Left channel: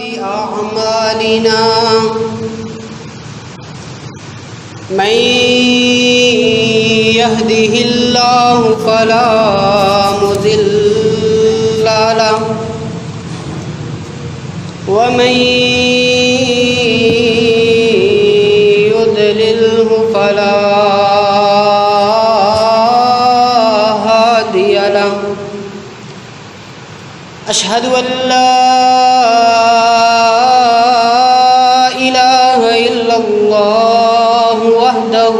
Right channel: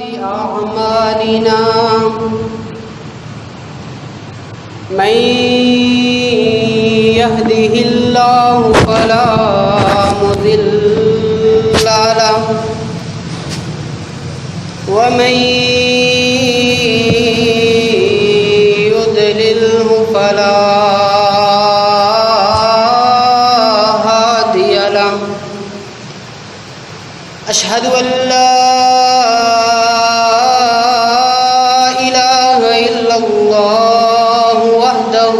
أعمالنا من يهده الله فلا مضل له ومن يضلله فلا هادي له أشهد أن لا إله إلا الله وحده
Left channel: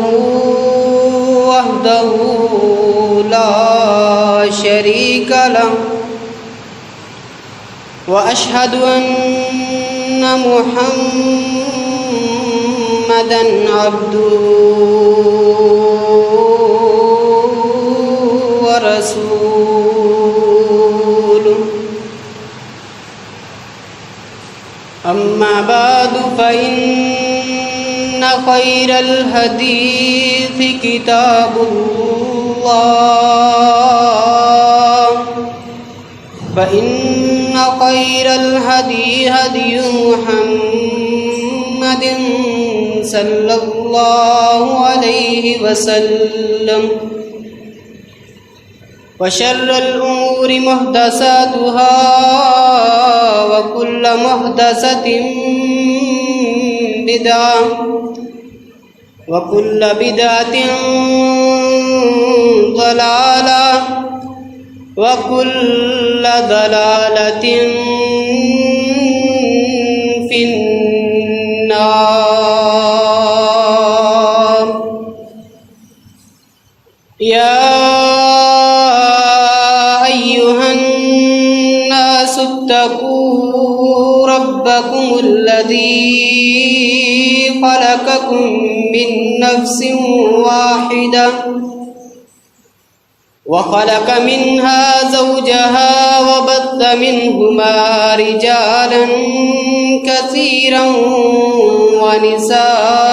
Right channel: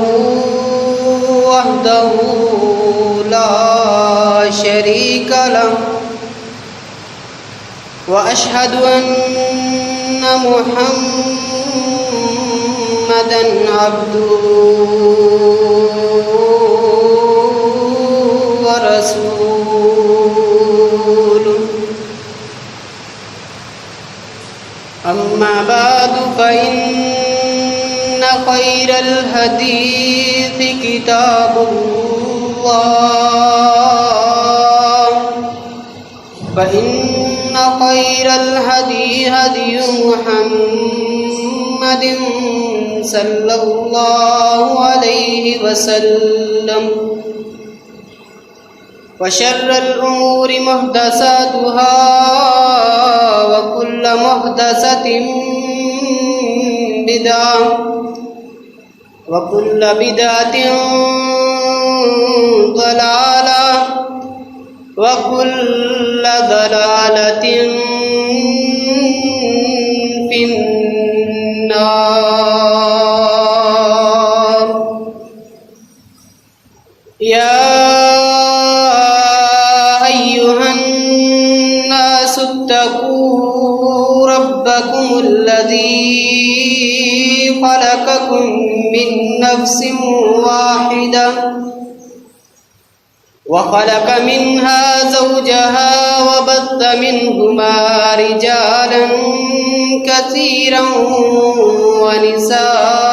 لا شريك له وأشهد أن محمدًا عبده ورسوله أما بعد فإن خير الحديث كتاب الله فإن خير الهدي هدي محمد صلى الله عليه وسلم وشر الأمور محدثاتها وكل محدثة بدعة وكل بدعة ضلالة وكل ضلالة في النار. يا أيها الناس اتقوا ربكم الذي خلقكم من نفس واحدة وخلق منها زوجها وبث منهما رجالا كثيرا ونساء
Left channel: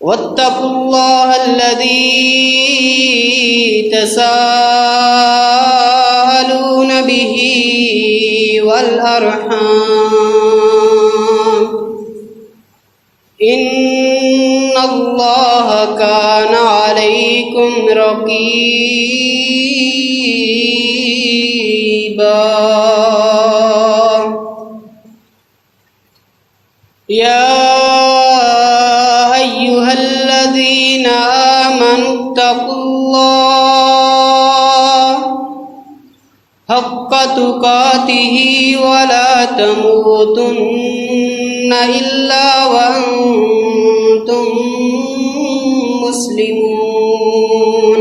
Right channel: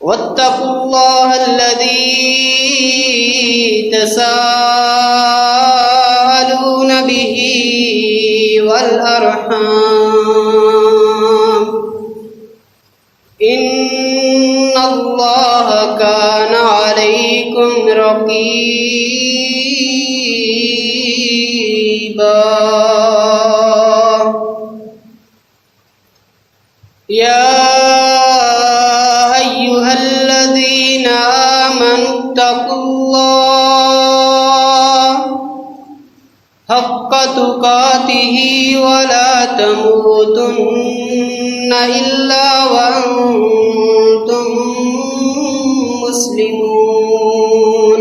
واتقوا الله الذي تساءلون به والأرحام إن الله كان عليكم رقيبا. يا أيها الذين آمنوا اتقوا الله حق تقاته ولا تموتن إلا وأنتم مسلمون.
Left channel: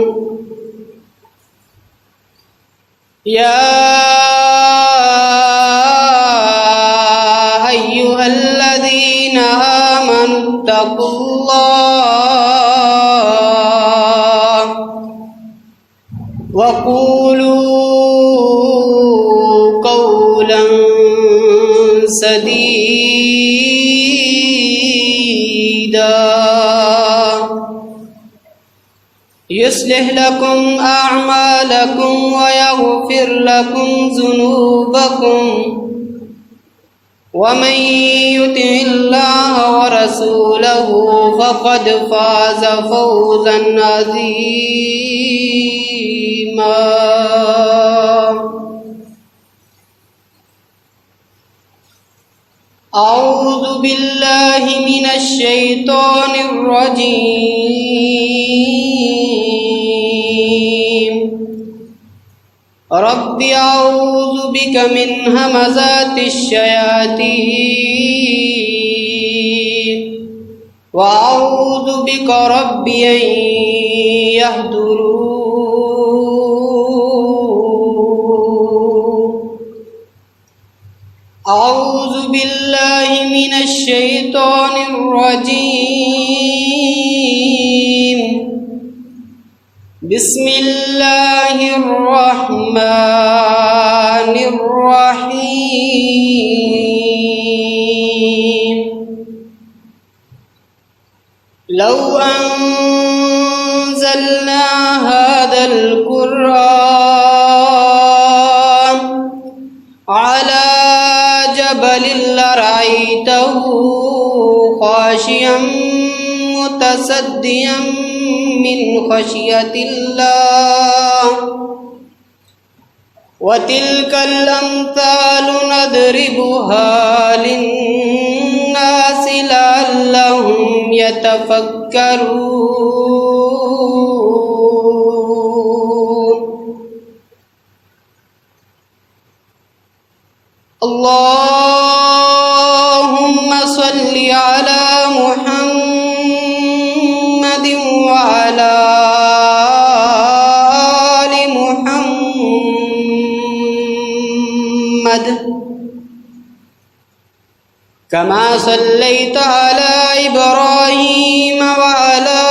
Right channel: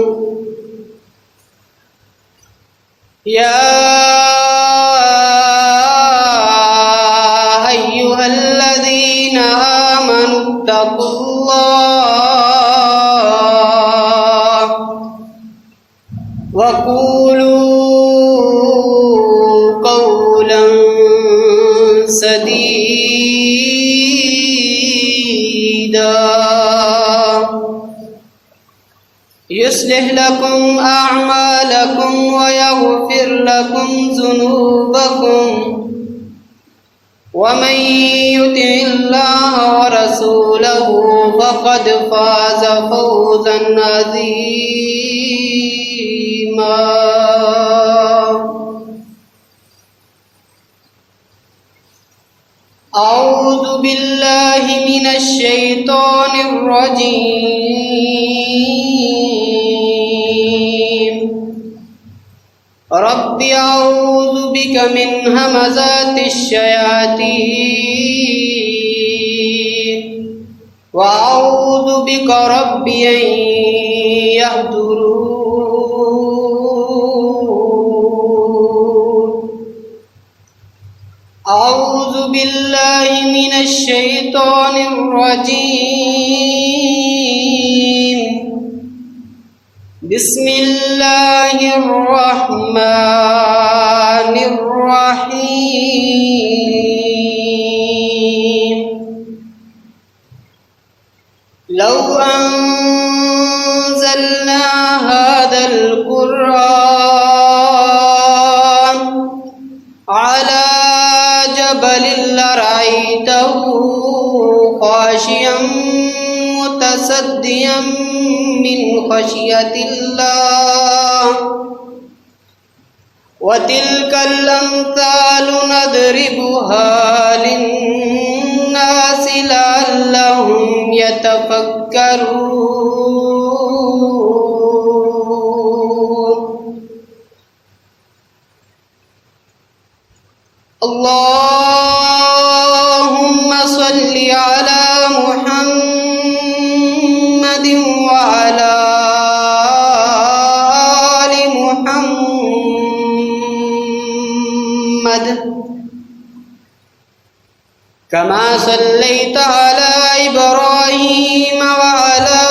يا أيها الذين آمنوا اتقوا الله وقولوا قولا سديدا يصلح لكم أعمالكم ويغفر لكم ذنوبكم ومن يطع الله ورسوله فقد فاز فوزا عظيما. أعوذ بالله من الشيطان الرجيم. رب أعوذ بك من همزات الشياطين وأعوذ بك رب أن يحضرون. أعوذ بالله من الشيطان الرجيم. بسم الله الرحمن الرحيم. لو أنزلنا هذا القرآن خاشعا متصدعا من خشية الله وتلك الأمثال نضربها للناس لعلهم يتفكرون اللهم صل على محمد وعلى آل محمد كما صليت على إبراهيم وعلى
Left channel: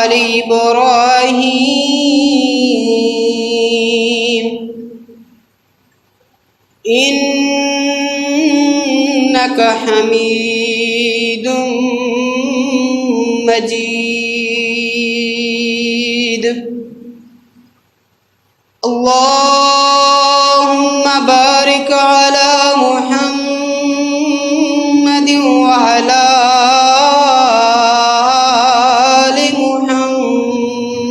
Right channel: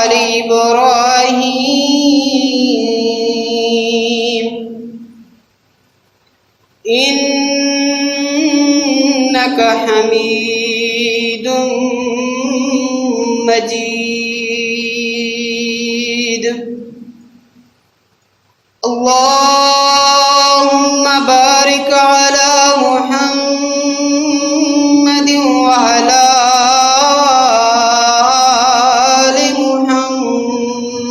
آل إبراهيم إنك حميد مجيد اللهم بارك على محمد وعلى آل محمد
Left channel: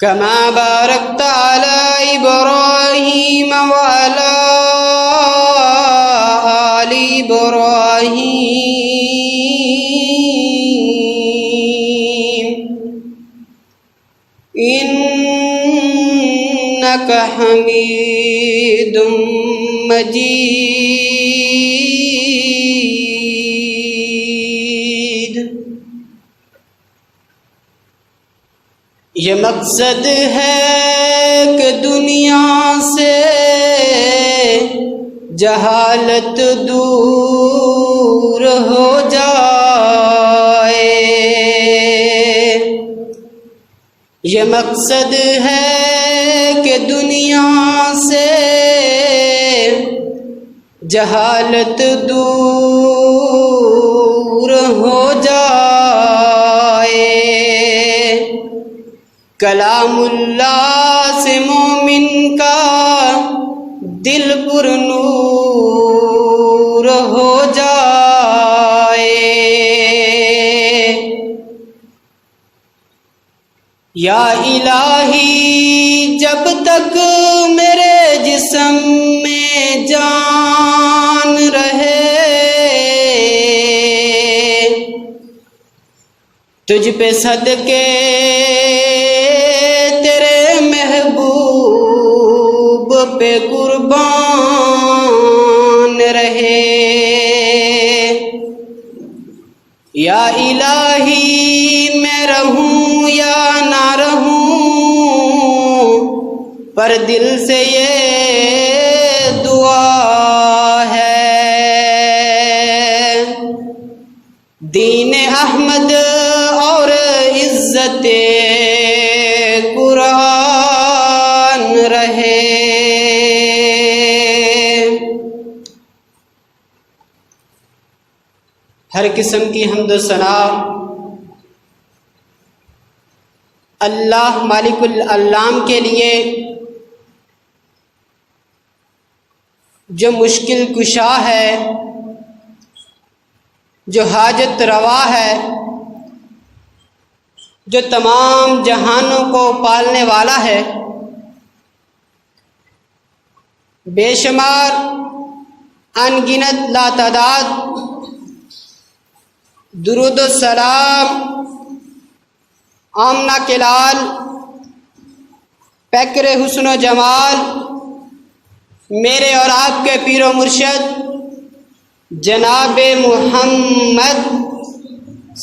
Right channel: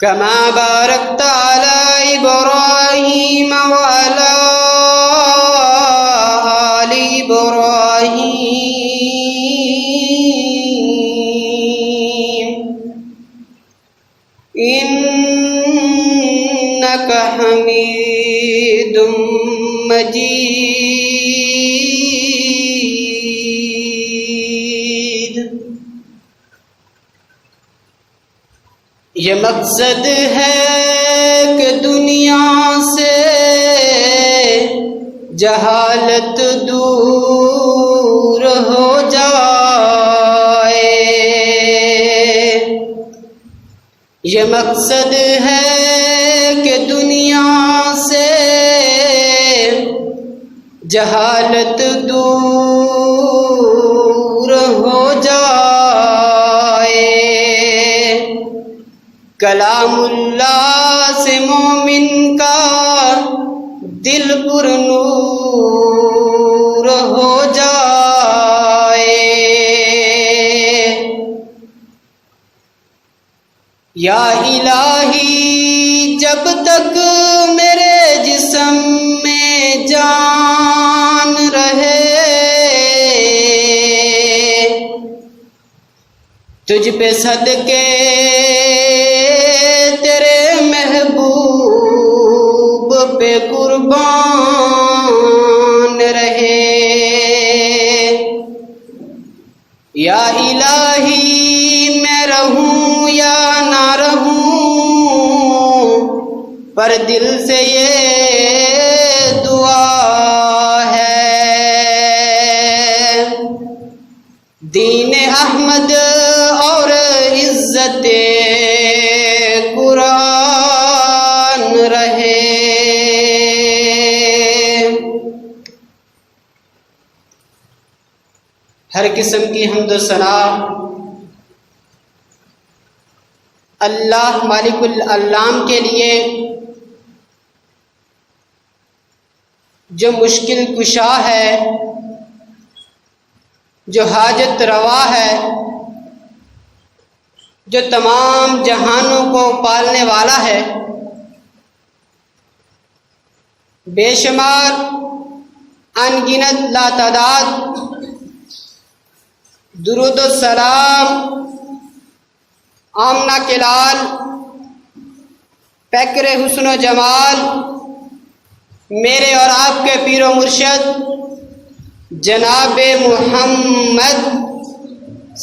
كما باركت على إبراهيم وعلى آل إبراهيم إنك حميد مجيد. یہ مقصد ہے کہ دنیا سے جہالت دور ہو جائے. یہ مقصد ہے کہ دنیا سے جہالت دور ہو جائے. کلام اللہ سے مومن کا دل پر نور ہو جائے. یا الہی جب تک میرے جسم میں جان رہے تجھ پہ صدقے تیرے محبوب پہ قربان رہے. یا الہی میں رہوں یا نہ رہوں پر دل سے یہ دعا ہے. دین احمد اور عزت قرآن رہے. ہر قسم کی حمد و ثنا اللہ مالک العالم کے لیے جو مشکل کشا ہے، جو حاجت روا ہے، جو تمام جہانوں کو پالنے والا ہے. بے شمار ان گنت لاتعداد درود و سلام آمنہ کے لال پیکر حسن و جمال میرے اور آپ کے پیر و مرشد جناب محمد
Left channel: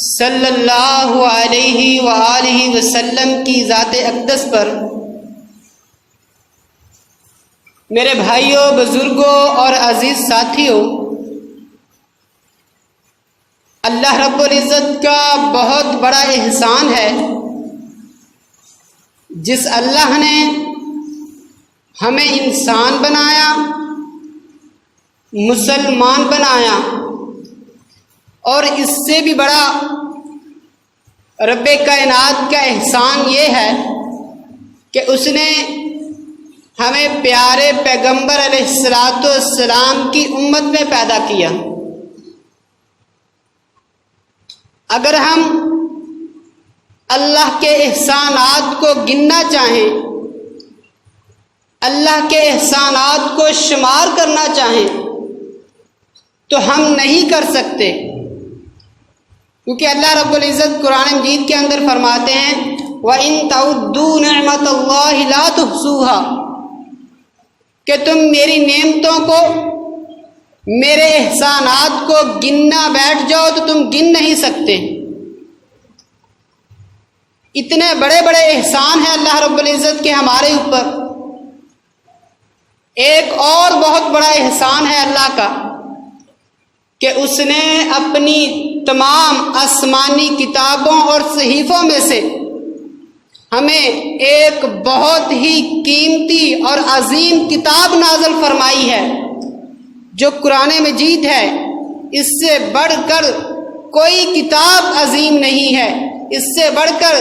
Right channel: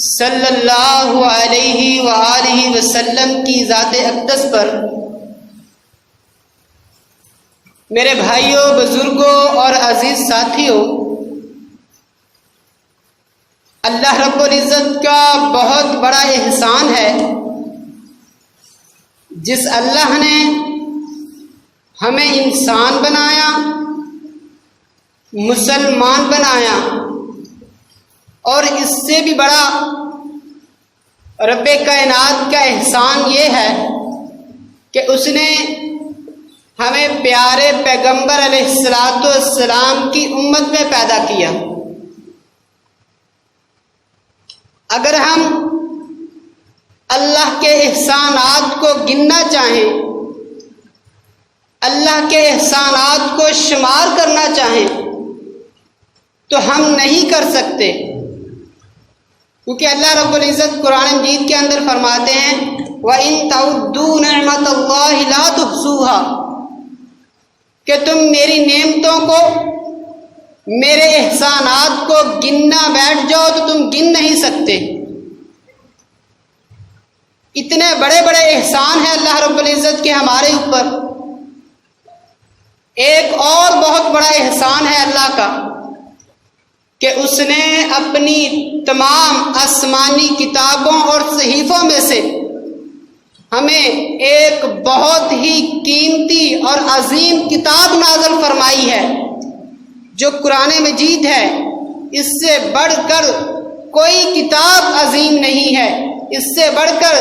صلی اللہ علیہ وآلہ وسلم کی ذات اقدس پر. میرے بھائیوں، بزرگوں اور عزیز ساتھیوں، اللہ رب العزت کا بہت بڑا احسان ہے جس اللہ نے ہمیں انسان بنایا، مسلمان بنایا، اور اس سے بھی بڑا رب کائنات کا احسان یہ ہے کہ اس نے ہمیں پیارے پیغمبر علیہ الصلوۃ والسلام کی امت میں پیدا کیا۔ اگر ہم اللہ کے احسانات کو گننا چاہیں، اللہ کے احسانات کو شمار کرنا چاہیں تو ہم نہیں کر سکتے، کیونکہ اللہ رب العزت قرآن مجید کے اندر فرماتے ہیں وَإِن تَعُدُّوا نِعْمَتَ اللَّهِ لَا تُحْصُوهَا، کہ تم میری نعمتوں کو، میرے احسانات کو گننا بیٹھ جاؤ تو تم گن نہیں سکتے۔ اتنے بڑے بڑے احسان ہیں اللہ رب العزت کے ہمارے اوپر۔ ایک اور بہت بڑا احسان ہے اللہ کا کہ اس نے اپنی تمام آسمانی کتابوں اور صحیفوں میں سے ہمیں ایک بہت ہی قیمتی اور عظیم کتاب نازل فرمائی ہے جو قرآن مجید ہے۔ اس سے بڑھ کر کوئی کتاب عظیم نہیں ہے، اس سے بڑھ کر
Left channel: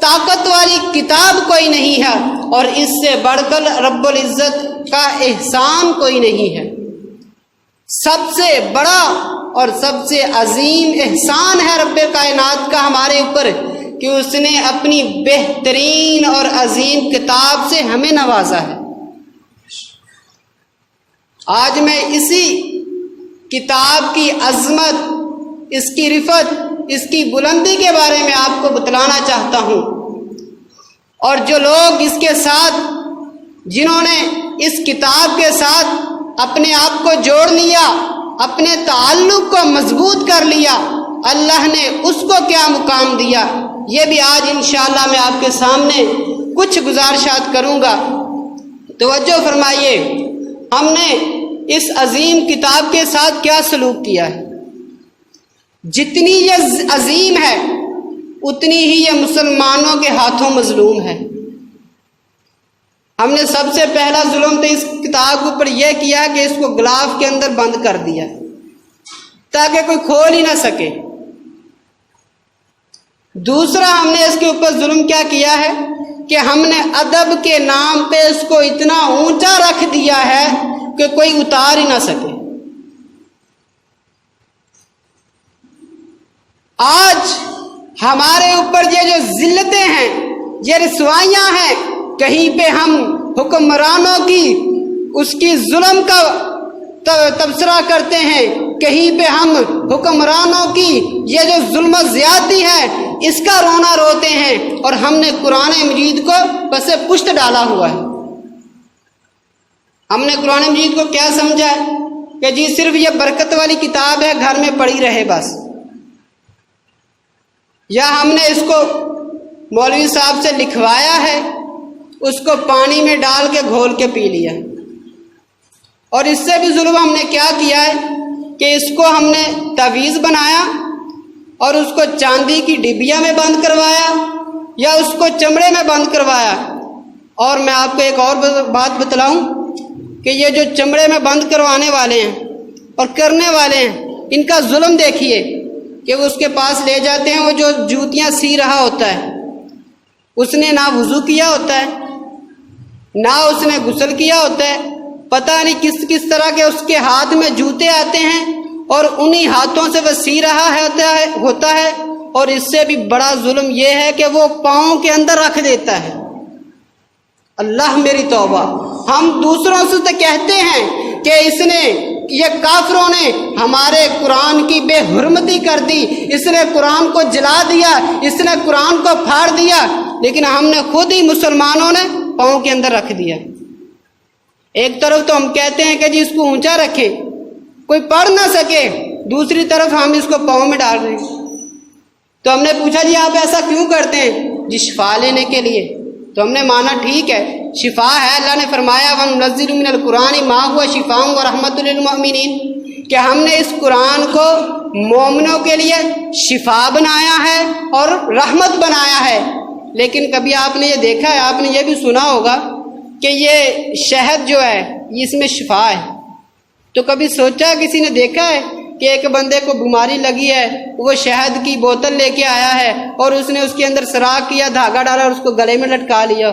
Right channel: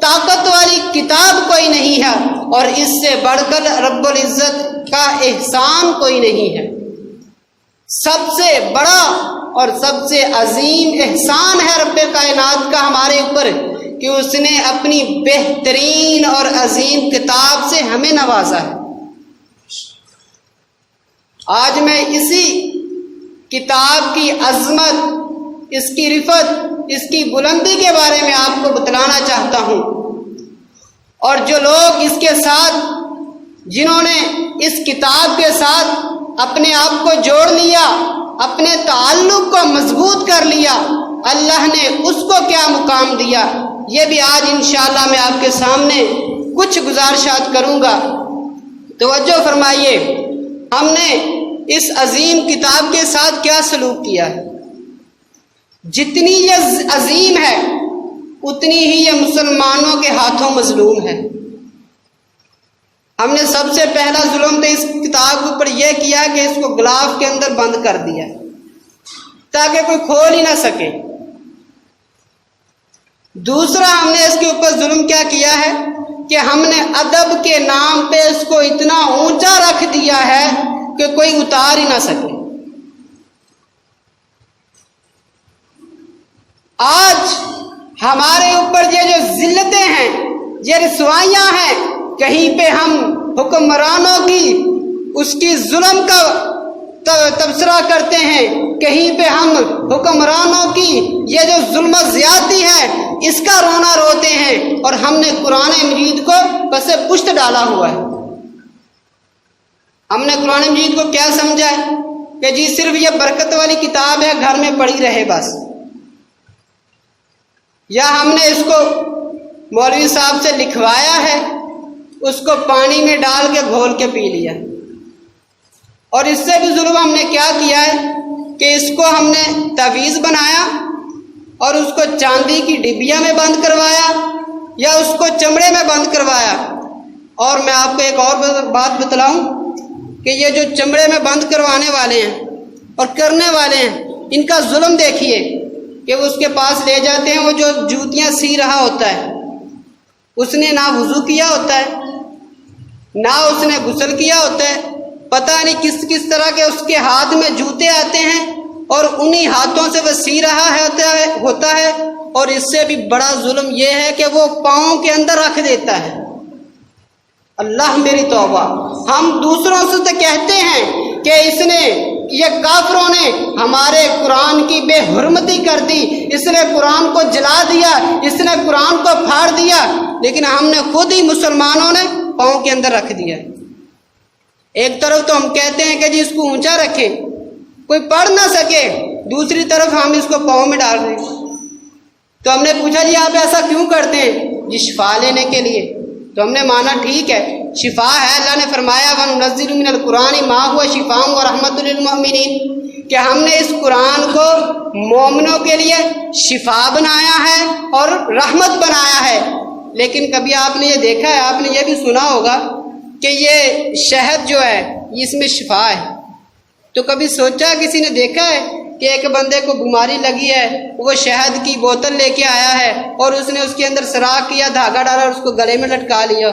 طاقت والی کتاب کوئی نہیں ہے، اور اس سے بڑھ کر رب العزت کا احسان کوئی نہیں ہے۔ سب سے بڑا اور سب سے عظیم احسان ہے رب کائنات کا ہمارے اوپر کہ اس نے اپنی بہترین اور عظیم کتاب سے ہمیں نوازا ہے۔ آج میں اسی کتاب کی عظمت، اس کی رفعت، اس کی بلندی کے بارے میں آپ کو بتلانا چاہتا ہوں، اور جو لوگ اس کے ساتھ، جنہوں نے اس کتاب کے ساتھ اپنے آپ کو جوڑ لیا، اپنے تعلق کو مضبوط کر لیا، اللہ نے اس کو کیا مقام دیا، یہ بھی آج انشاءاللہ میں آپ کے سامنے کچھ گزارشات کروں گا۔ توجہ فرمائیے، ہم نے اس عظیم کتاب کے ساتھ کیا سلوک کیا ہے۔ جتنی یہ عظیم ہے اتنی ہی یہ مسلمانوں کے ہاتھوں مظلوم ہے۔ ہم نے سب سے پہلا ظلم تو اس کتاب کے اوپر یہ کیا کہ اس کو غلاف کے اندر بند کر دیا تاکہ کوئی کھول ہی نہ سکے۔ دوسرا ہم نے اس کے اوپر ظلم کیا کیا ہے کہ ہم نے ادب کے نام پہ اس کو اتنا اونچا رکھ دیا ہے کہ کوئی اتار ہی نہ سکے۔ آج ہمارے اوپر یہ جو ذلتیں ہیں، یہ رسوائیاں ہیں، کہیں پہ ہم حکمرانوں کی اس کی ظلم کا تبصرہ کرتے ہیں، کہیں پہ ہم حکمرانوں کی یہ جو ظلم و زیادتی ہے اس کا رونا روتے ہیں، اور ہم نے قرآن مجید کو پس پشت ڈالا ہوا ہے۔ ہم نے قرآن مجید کو کیا سمجھا ہے کہ جی صرف یہ برکت والی کتاب ہے، گھر میں پڑی رہے بس، یا ہم نے اس کو مولوی صاحب سے لکھوایا ہے، اس کو پانی میں ڈال کے گھول کے پی لیا۔ اور اس سے بھی ظلم ہم نے کیا کیا ہے کہ اس کو ہم نے تعویذ بنایا اور اس کو چاندی کی ڈبیا میں بند کروایا یا اس کو چمڑے میں بند کروایا۔ اور میں آپ کو ایک اور بات بتلاؤں کہ یہ جو چمڑے میں بند کروانے والے ہیں اور کرنے والے ہیں، ان کا ظلم دیکھیے کہ وہ اس کے پاس لے جاتے ہیں، وہ جو جوتیاں سی رہا ہوتا ہے، اس نے نہ وضو کیا ہوتا ہے، نہ اس نے غسل کیا ہوتا ہے، پتہ نہیں کس کس طرح کے اس کے ہاتھ میں جوتے آتے ہیں، اور انہی ہاتھوں سے وہ سی رہا ہوتا ہے۔ اور اس سے بھی بڑا ظلم یہ ہے کہ وہ پاؤں کے اندر رکھ دیتا ہے۔ اللہ میری توبہ، ہم دوسروں سے تو کہتے ہیں کہ اس نے، یہ کافروں نے ہمارے قرآن کی بے حرمتی کر دی، اس نے قرآن کو جلا دیا، اس نے قرآن کو پھاڑ دیا، لیکن ہم نے خود ہی مسلمانوں نے پاؤں کے اندر رکھ دیا۔ ایک طرف تو ہم کہتے ہیں کہ جی اس کو اونچا رکھیں کوئی پڑھ نہ سکے، دوسری طرف ہم اس کو پاؤں میں ڈال رہے ہیں۔ تو ہم نے پوچھا جی آپ ایسا کیوں کرتے ہیں؟ جی شفا لینے کے لیے۔ تو ہم نے مانا ٹھیک ہے، شفا ہے، اللہ نے فرمایا وَنُنَزِّلُ مِنَ الْقُرْآنِ مَا هُوَ شِفَاءٌ وَرَحْمَةٌ لِّلْمُؤْمِنِينَ، کہ ہم نے اس قرآن کو مومنوں کے لیے شفا بنایا ہے اور رحمت بنایا ہے۔ لیکن کبھی آپ نے یہ دیکھا ہے، آپ نے یہ بھی سنا ہوگا کہ یہ شہد جو ہے اس میں شفا ہے، تو کبھی سوچا کسی نے دیکھا ہے کہ ایک بندے کو بیماری لگی ہے، وہ شہد کی بوتل لے کے آیا ہے اور اس نے اس کے اندر سراخ کیا، دھاگا ڈالا اور اس کو گلے میں لٹکا لیا؟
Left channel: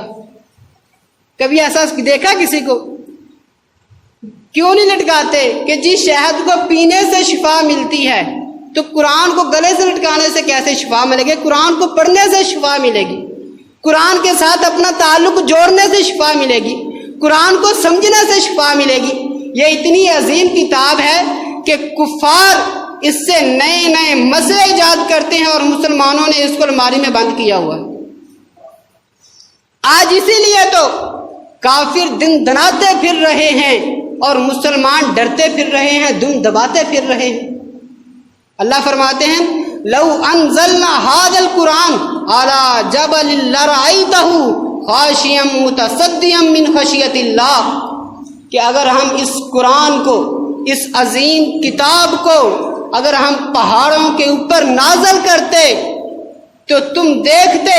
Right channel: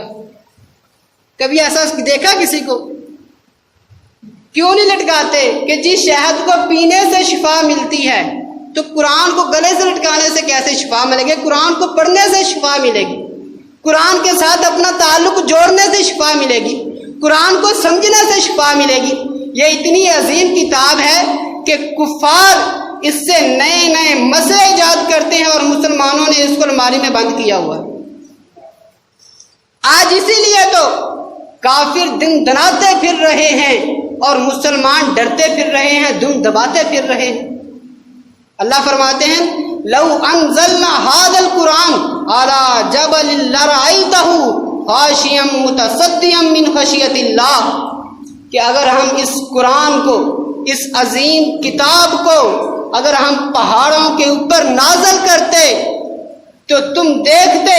کبھی ایسا دیکھا کسی کو؟ کیوں نہیں لٹکاتے کہ جی شہد کو پینے سے شفا ملتی ہے، تو قرآن کو گلے سے لٹکانے سے کیسے شفا ملے گی؟ قرآن کو پڑھنے سے شفا ملے گی، قرآن کے ساتھ اپنا تعلق جوڑنے سے شفا ملے گی، قرآن کو سمجھنے سے شفا ملے گی۔ یہ اتنی عظیم کتاب ہے کہ کفار اس سے نئے نئے مسئلے ایجاد کرتے ہیں اور مسلمانوں نے اس کو الماری میں بند کیا ہوا ہے۔ آج اسی لیے تو کافر دن دناتے پھر رہے ہیں اور مسلمان ڈرتے پھر رہے ہیں، دم دباتے پھر رہے ہیں۔ اللہ فرماتے ہیں لو انزلنا هذا القرآن على جبل لرأيته خاشعا متصدعا من خشیۃ اللہ، کہ اگر ہم اس قرآن کو، اس عظیم کتاب کو اگر ہم پہاڑوں کے اوپر نازل کرتے تو تم دیکھتے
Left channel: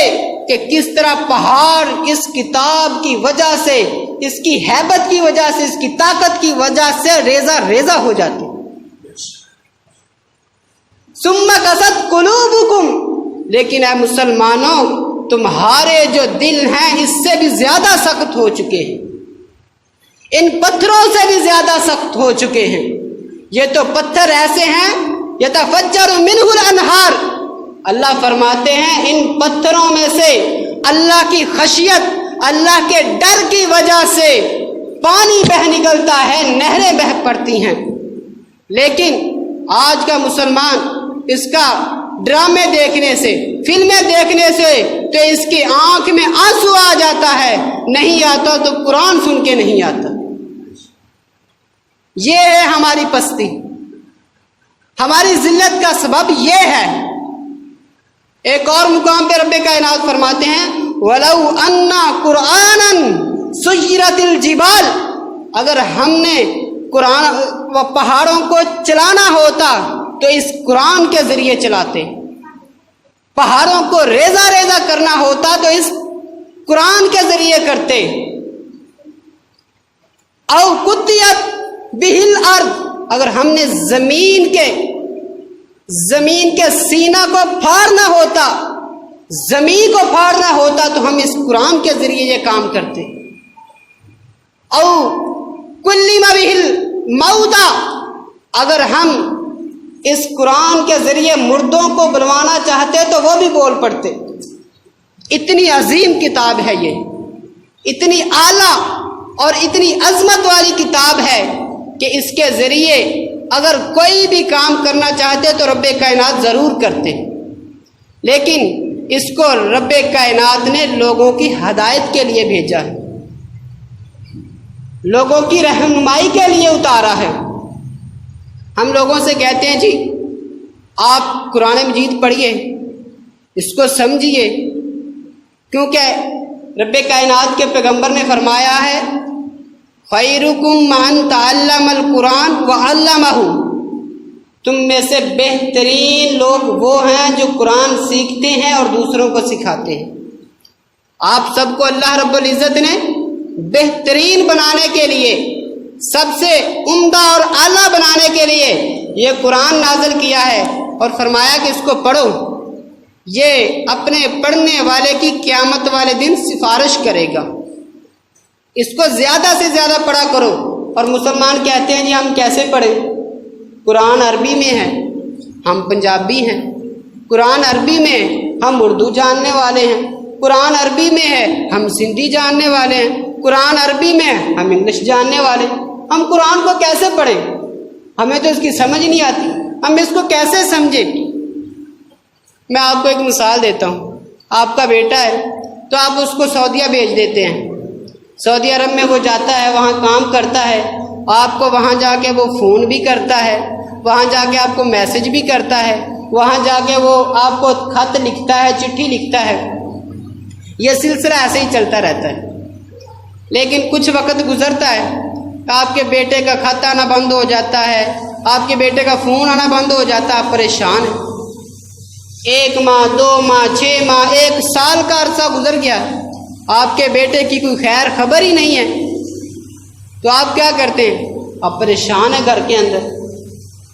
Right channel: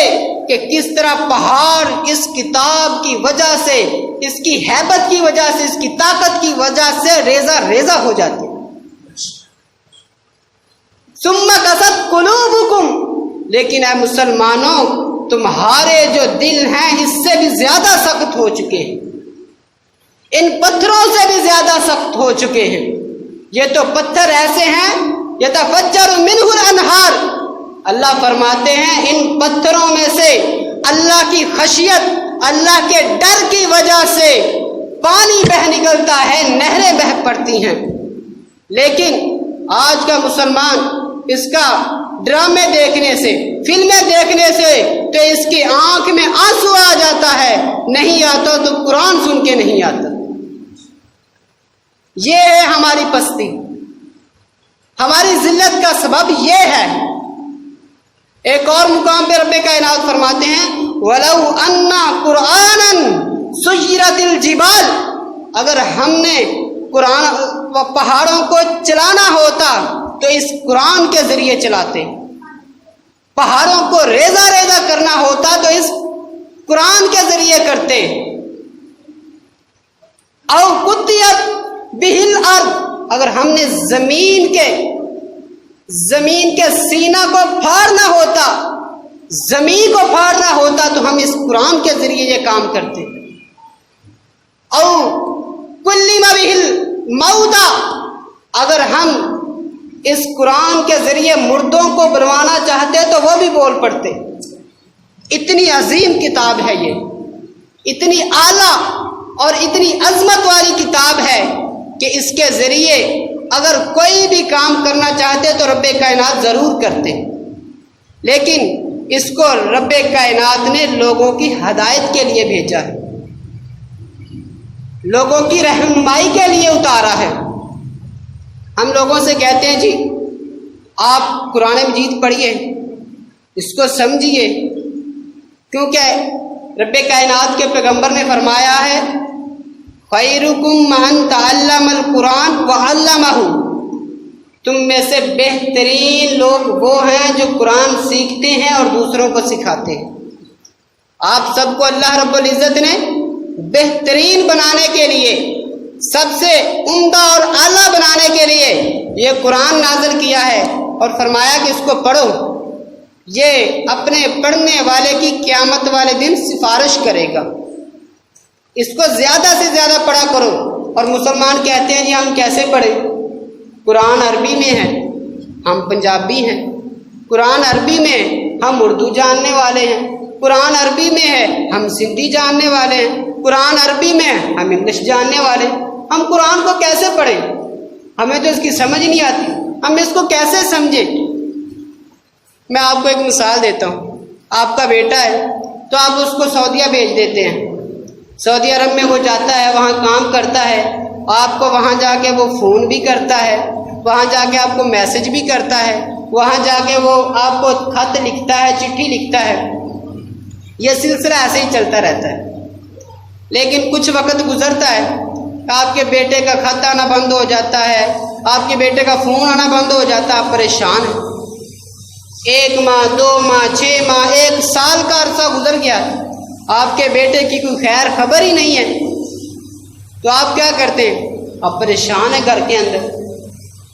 کہ کس طرح پہاڑ اس کتاب کی وجہ سے، اس کی ہیبت کی وجہ سے، اس کی طاقت کی وجہ سے ریزہ ریزہ ہو جاتے۔ ثم قست قلوبکم، لیکن اے مسلمانوں تمہارے جو دل ہیں اس سے بھی زیادہ سخت ہو چکے ہیں، ان پتھروں سے بھی زیادہ سخت ہو چکے ہیں۔ یہ تو پتھر ایسے ہیں یتفجر منہ الانہار، اللہ فرماتے ہیں ان پتھروں میں سے اللہ کی خشیت، اللہ کے ڈر کی وجہ سے پانی بہہ نکلتا ہے، نہریں بہہ پڑتی ہیں۔ لیکن آج کا مسلمان اس کا ڈرامے دیکھنے سے، فلمیں دیکھنے سے تو اس کی آنکھ میں آنسو آ جاتا ہے، نہیں آتا تو قرآن سن کے نہیں آتا۔ یہ ہے ہماری پستی، ہماری ذلت کا سبب یہ ہے۔ ایک اور مقام پہ رب کائنات فرماتے ہیں وَلَوْ أَنَّا قُرْآنًا سُيِّرَتِ الْجِبَالِ، اگر ہم نے قرآن و پہاڑوں کو چلانا ہوتا تو اس قرآن کے ذریعے چلاتے، پہاڑوں کو ریزہ ریزہ کرنا ہوتا تو اس قرآن کے ذریعے کرتے۔ او قطعت بہ الارض، اگر ہم نے زمین کے سینہ کو پھاڑنا ہوتا، زمین کو پھاڑنا ہوتا تو ہم اس قرآن کے ذریعے یہ کام کرتے۔ او کلم بہ الموتى، اگر ہم اس قرآن کے ذریعے مردوں کو بلوانا چاہتے تو وہ بھی بول پڑتے۔ اتنی عظیم کتاب ہے یہ، اتنی اعلیٰ اور اتنی عظمت والی کتاب ہے کہ اس کے ذریعے اگر کوئی بھی کام کرنا چاہتے تو رب کائنات ضرور کرتے، لیکن اس کو رب کائنات نے لوگوں کی ہدایت کے لیے بھیجا ہے، لوگوں کی رہنمائی کے لیے اتارا ہے۔ ہم لوگوں سے کہتے ہیں جی آپ قرآن مجید پڑھیے، اس کو سمجھیے، کیونکہ رب کائنات کے پیغمبر نے فرمایا ہے خیرکم من تعلم القرآن وعلمہ، تم میں سے بہترین لوگ وہ ہیں جو قرآن سیکھتے ہیں اور دوسروں کو سکھاتے ہیں۔ آپ سب کو اللہ رب العزت نے بہترین بنانے کے لیے، سب سے عمدہ اور اعلیٰ بنانے کے لیے یہ قرآن نازل کیا ہے اور فرمایا کہ اس کو پڑھو، یہ اپنے پڑھنے والے کی قیامت والے دن سفارش کرے گا، اس کو زیادہ سے زیادہ پڑھا کرو۔ اور مسلمان کہتے ہیں جی ہم کیسے پڑھیں؟ قرآن عربی میں ہے، ہم پنجابی ہیں، قرآن عربی میں ہم اردو جاننے والے ہیں، قرآن عربی میں ہے ہم سندھی جاننے والے ہیں، قرآن عربی میں ہم انگلش جاننے والے ہیں، ہم قرآن کو کیسے پڑھیں؟ ہمیں تو اس کی سمجھ نہیں آتی، ہم اس کو کیسے سمجھیں؟ میں آپ کو ایک مثال دیتا ہوں، آپ کا بیٹا ہے تو آپ اس کو سعودیہ بھیج دیتے ہیں، سعودی عرب میں وہ جاتا ہے، وہاں کام کرتا ہے، آپ کو وہاں جا کے وہ فون بھی کرتا ہے، وہاں جا کے آپ کو میسج بھی کرتا ہے، وہاں جا کے وہ آپ کو خط لکھتا ہے، چٹھی لکھتا ہے، یہ سلسلہ ایسے ہی چلتا رہتا ہے۔ لیکن کچھ وقت گزرتا ہے، آپ کے بیٹے کا خط آنا بند ہو جاتا ہے، آپ کے بیٹے کا فون آنا بند ہو جاتا ہے، آپ پریشان ہیں۔ 1 ماہ 2 ماہ 6 ماہ 1 سال کا عرصہ گزر گیا، آپ کے بیٹے کی کوئی خیر خبر ہی نہیں ہے، تو آپ کیا کرتے ہیں؟ آپ پریشان ہیں گھر کے اندر،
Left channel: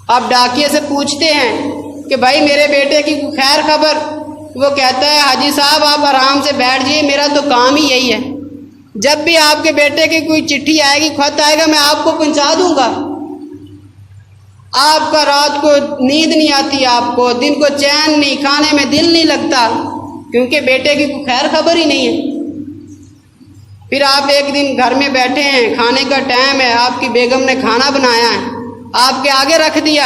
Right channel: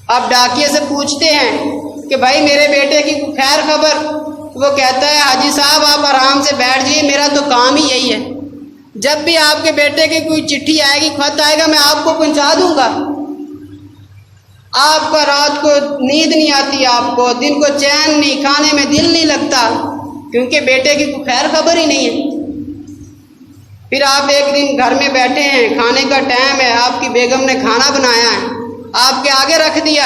آپ ڈاکیے سے پوچھتے ہیں کہ بھائی میرے بیٹے کی کوئی خیر خبر؟ وہ کہتا ہے حاجی صاحب آپ آرام سے بیٹھ جائیے، میرا تو کام ہی یہی ہے، جب بھی آپ کے بیٹے کی کوئی چٹھی آئے گی، خط آئے گا، میں آپ کو پہنچا دوں گا۔ آپ کا رات کو نیند نہیں آتی، آپ کو دن کو چین نہیں، کھانے میں دل نہیں لگتا، کیونکہ بیٹے کی کوئی خیر خبر ہی نہیں ہے۔ پھر آپ ایک دن گھر میں بیٹھے ہیں، کھانے کا ٹائم ہے، آپ کی بیگم نے کھانا بنایا ہے، آپ کے آگے رکھ دیا،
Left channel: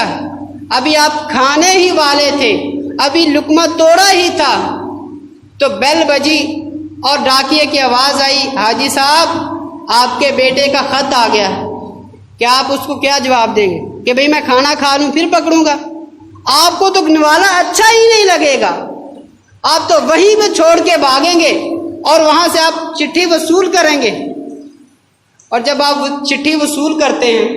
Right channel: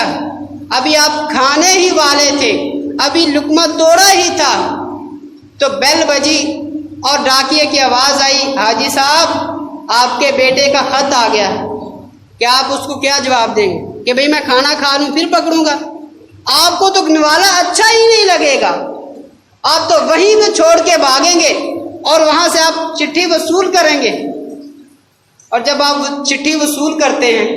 ابھی آپ کھانے ہی والے تھے، ابھی لقمہ توڑا ہی تھا، تو بیل بجی اور ڈاکیے کی آواز آئی، حاجی صاحب آپ کے بیٹے کا خط آ گیا۔ کیا آپ اس کو کیا جواب دیں گے کہ بھئی میں کھانا کھا لوں پھر پکڑوں گا؟ آپ کو تو نوالا اچھا ہی نہیں لگے گا، آپ تو وہیں پہ چھوڑ کے بھاگیں گے اور وہاں سے آپ چٹھی وصول کریں گے۔ اور جب آپ چٹھی وصول کرتے ہیں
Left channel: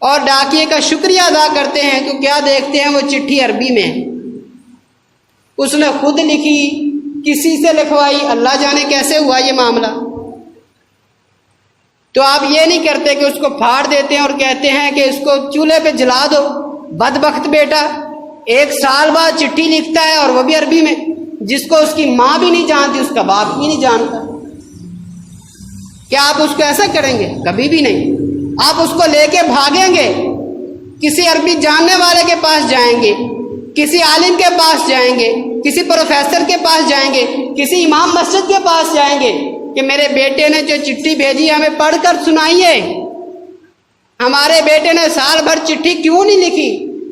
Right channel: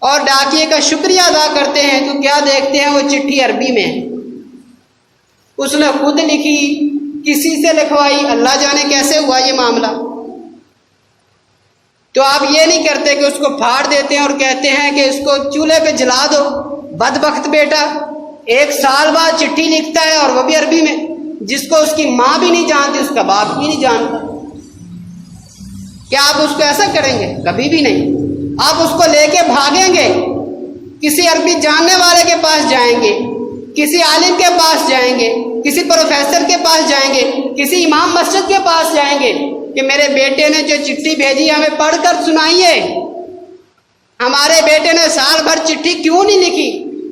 اور ڈاکیے کا شکریہ ادا کرتے ہیں تو کیا دیکھتے ہیں، وہ چٹھی عربی میں ہے، اس نے خود لکھی، کسی سے لکھوائی، اللہ جانے کیسے ہوا یہ معاملہ۔ تو آپ یہ نہیں کرتے کہ اس کو پھاڑ دیتے ہیں اور کہتے ہیں کہ اس کو چولہے پہ جلا دو، بدبخت بیٹا 1 سال بعد چٹھی لکھتا ہے اور وہ بھی عربی میں، جس کو اس کی ماں بھی نہیں جانتی، اس کا باپ بھی نہیں جانتا۔ کیا آپ اس کو ایسا کریں گے؟ کبھی بھی نہیں۔ آپ اس کو لے کے بھاگیں گے، کسی عربی جاننے والے کے پاس جائیں گے، کسی عالم کے پاس جائیں گے، کسی پروفیسر کے پاس جائیں گے، کسی امام مسجد کے پاس جائیں گے کہ میرے بیٹے نے جو چٹھی بھیجی ہمیں پڑھ کر سنائیے، ہمارے بیٹے نے سال بھر چٹھی کیوں نہیں لکھی،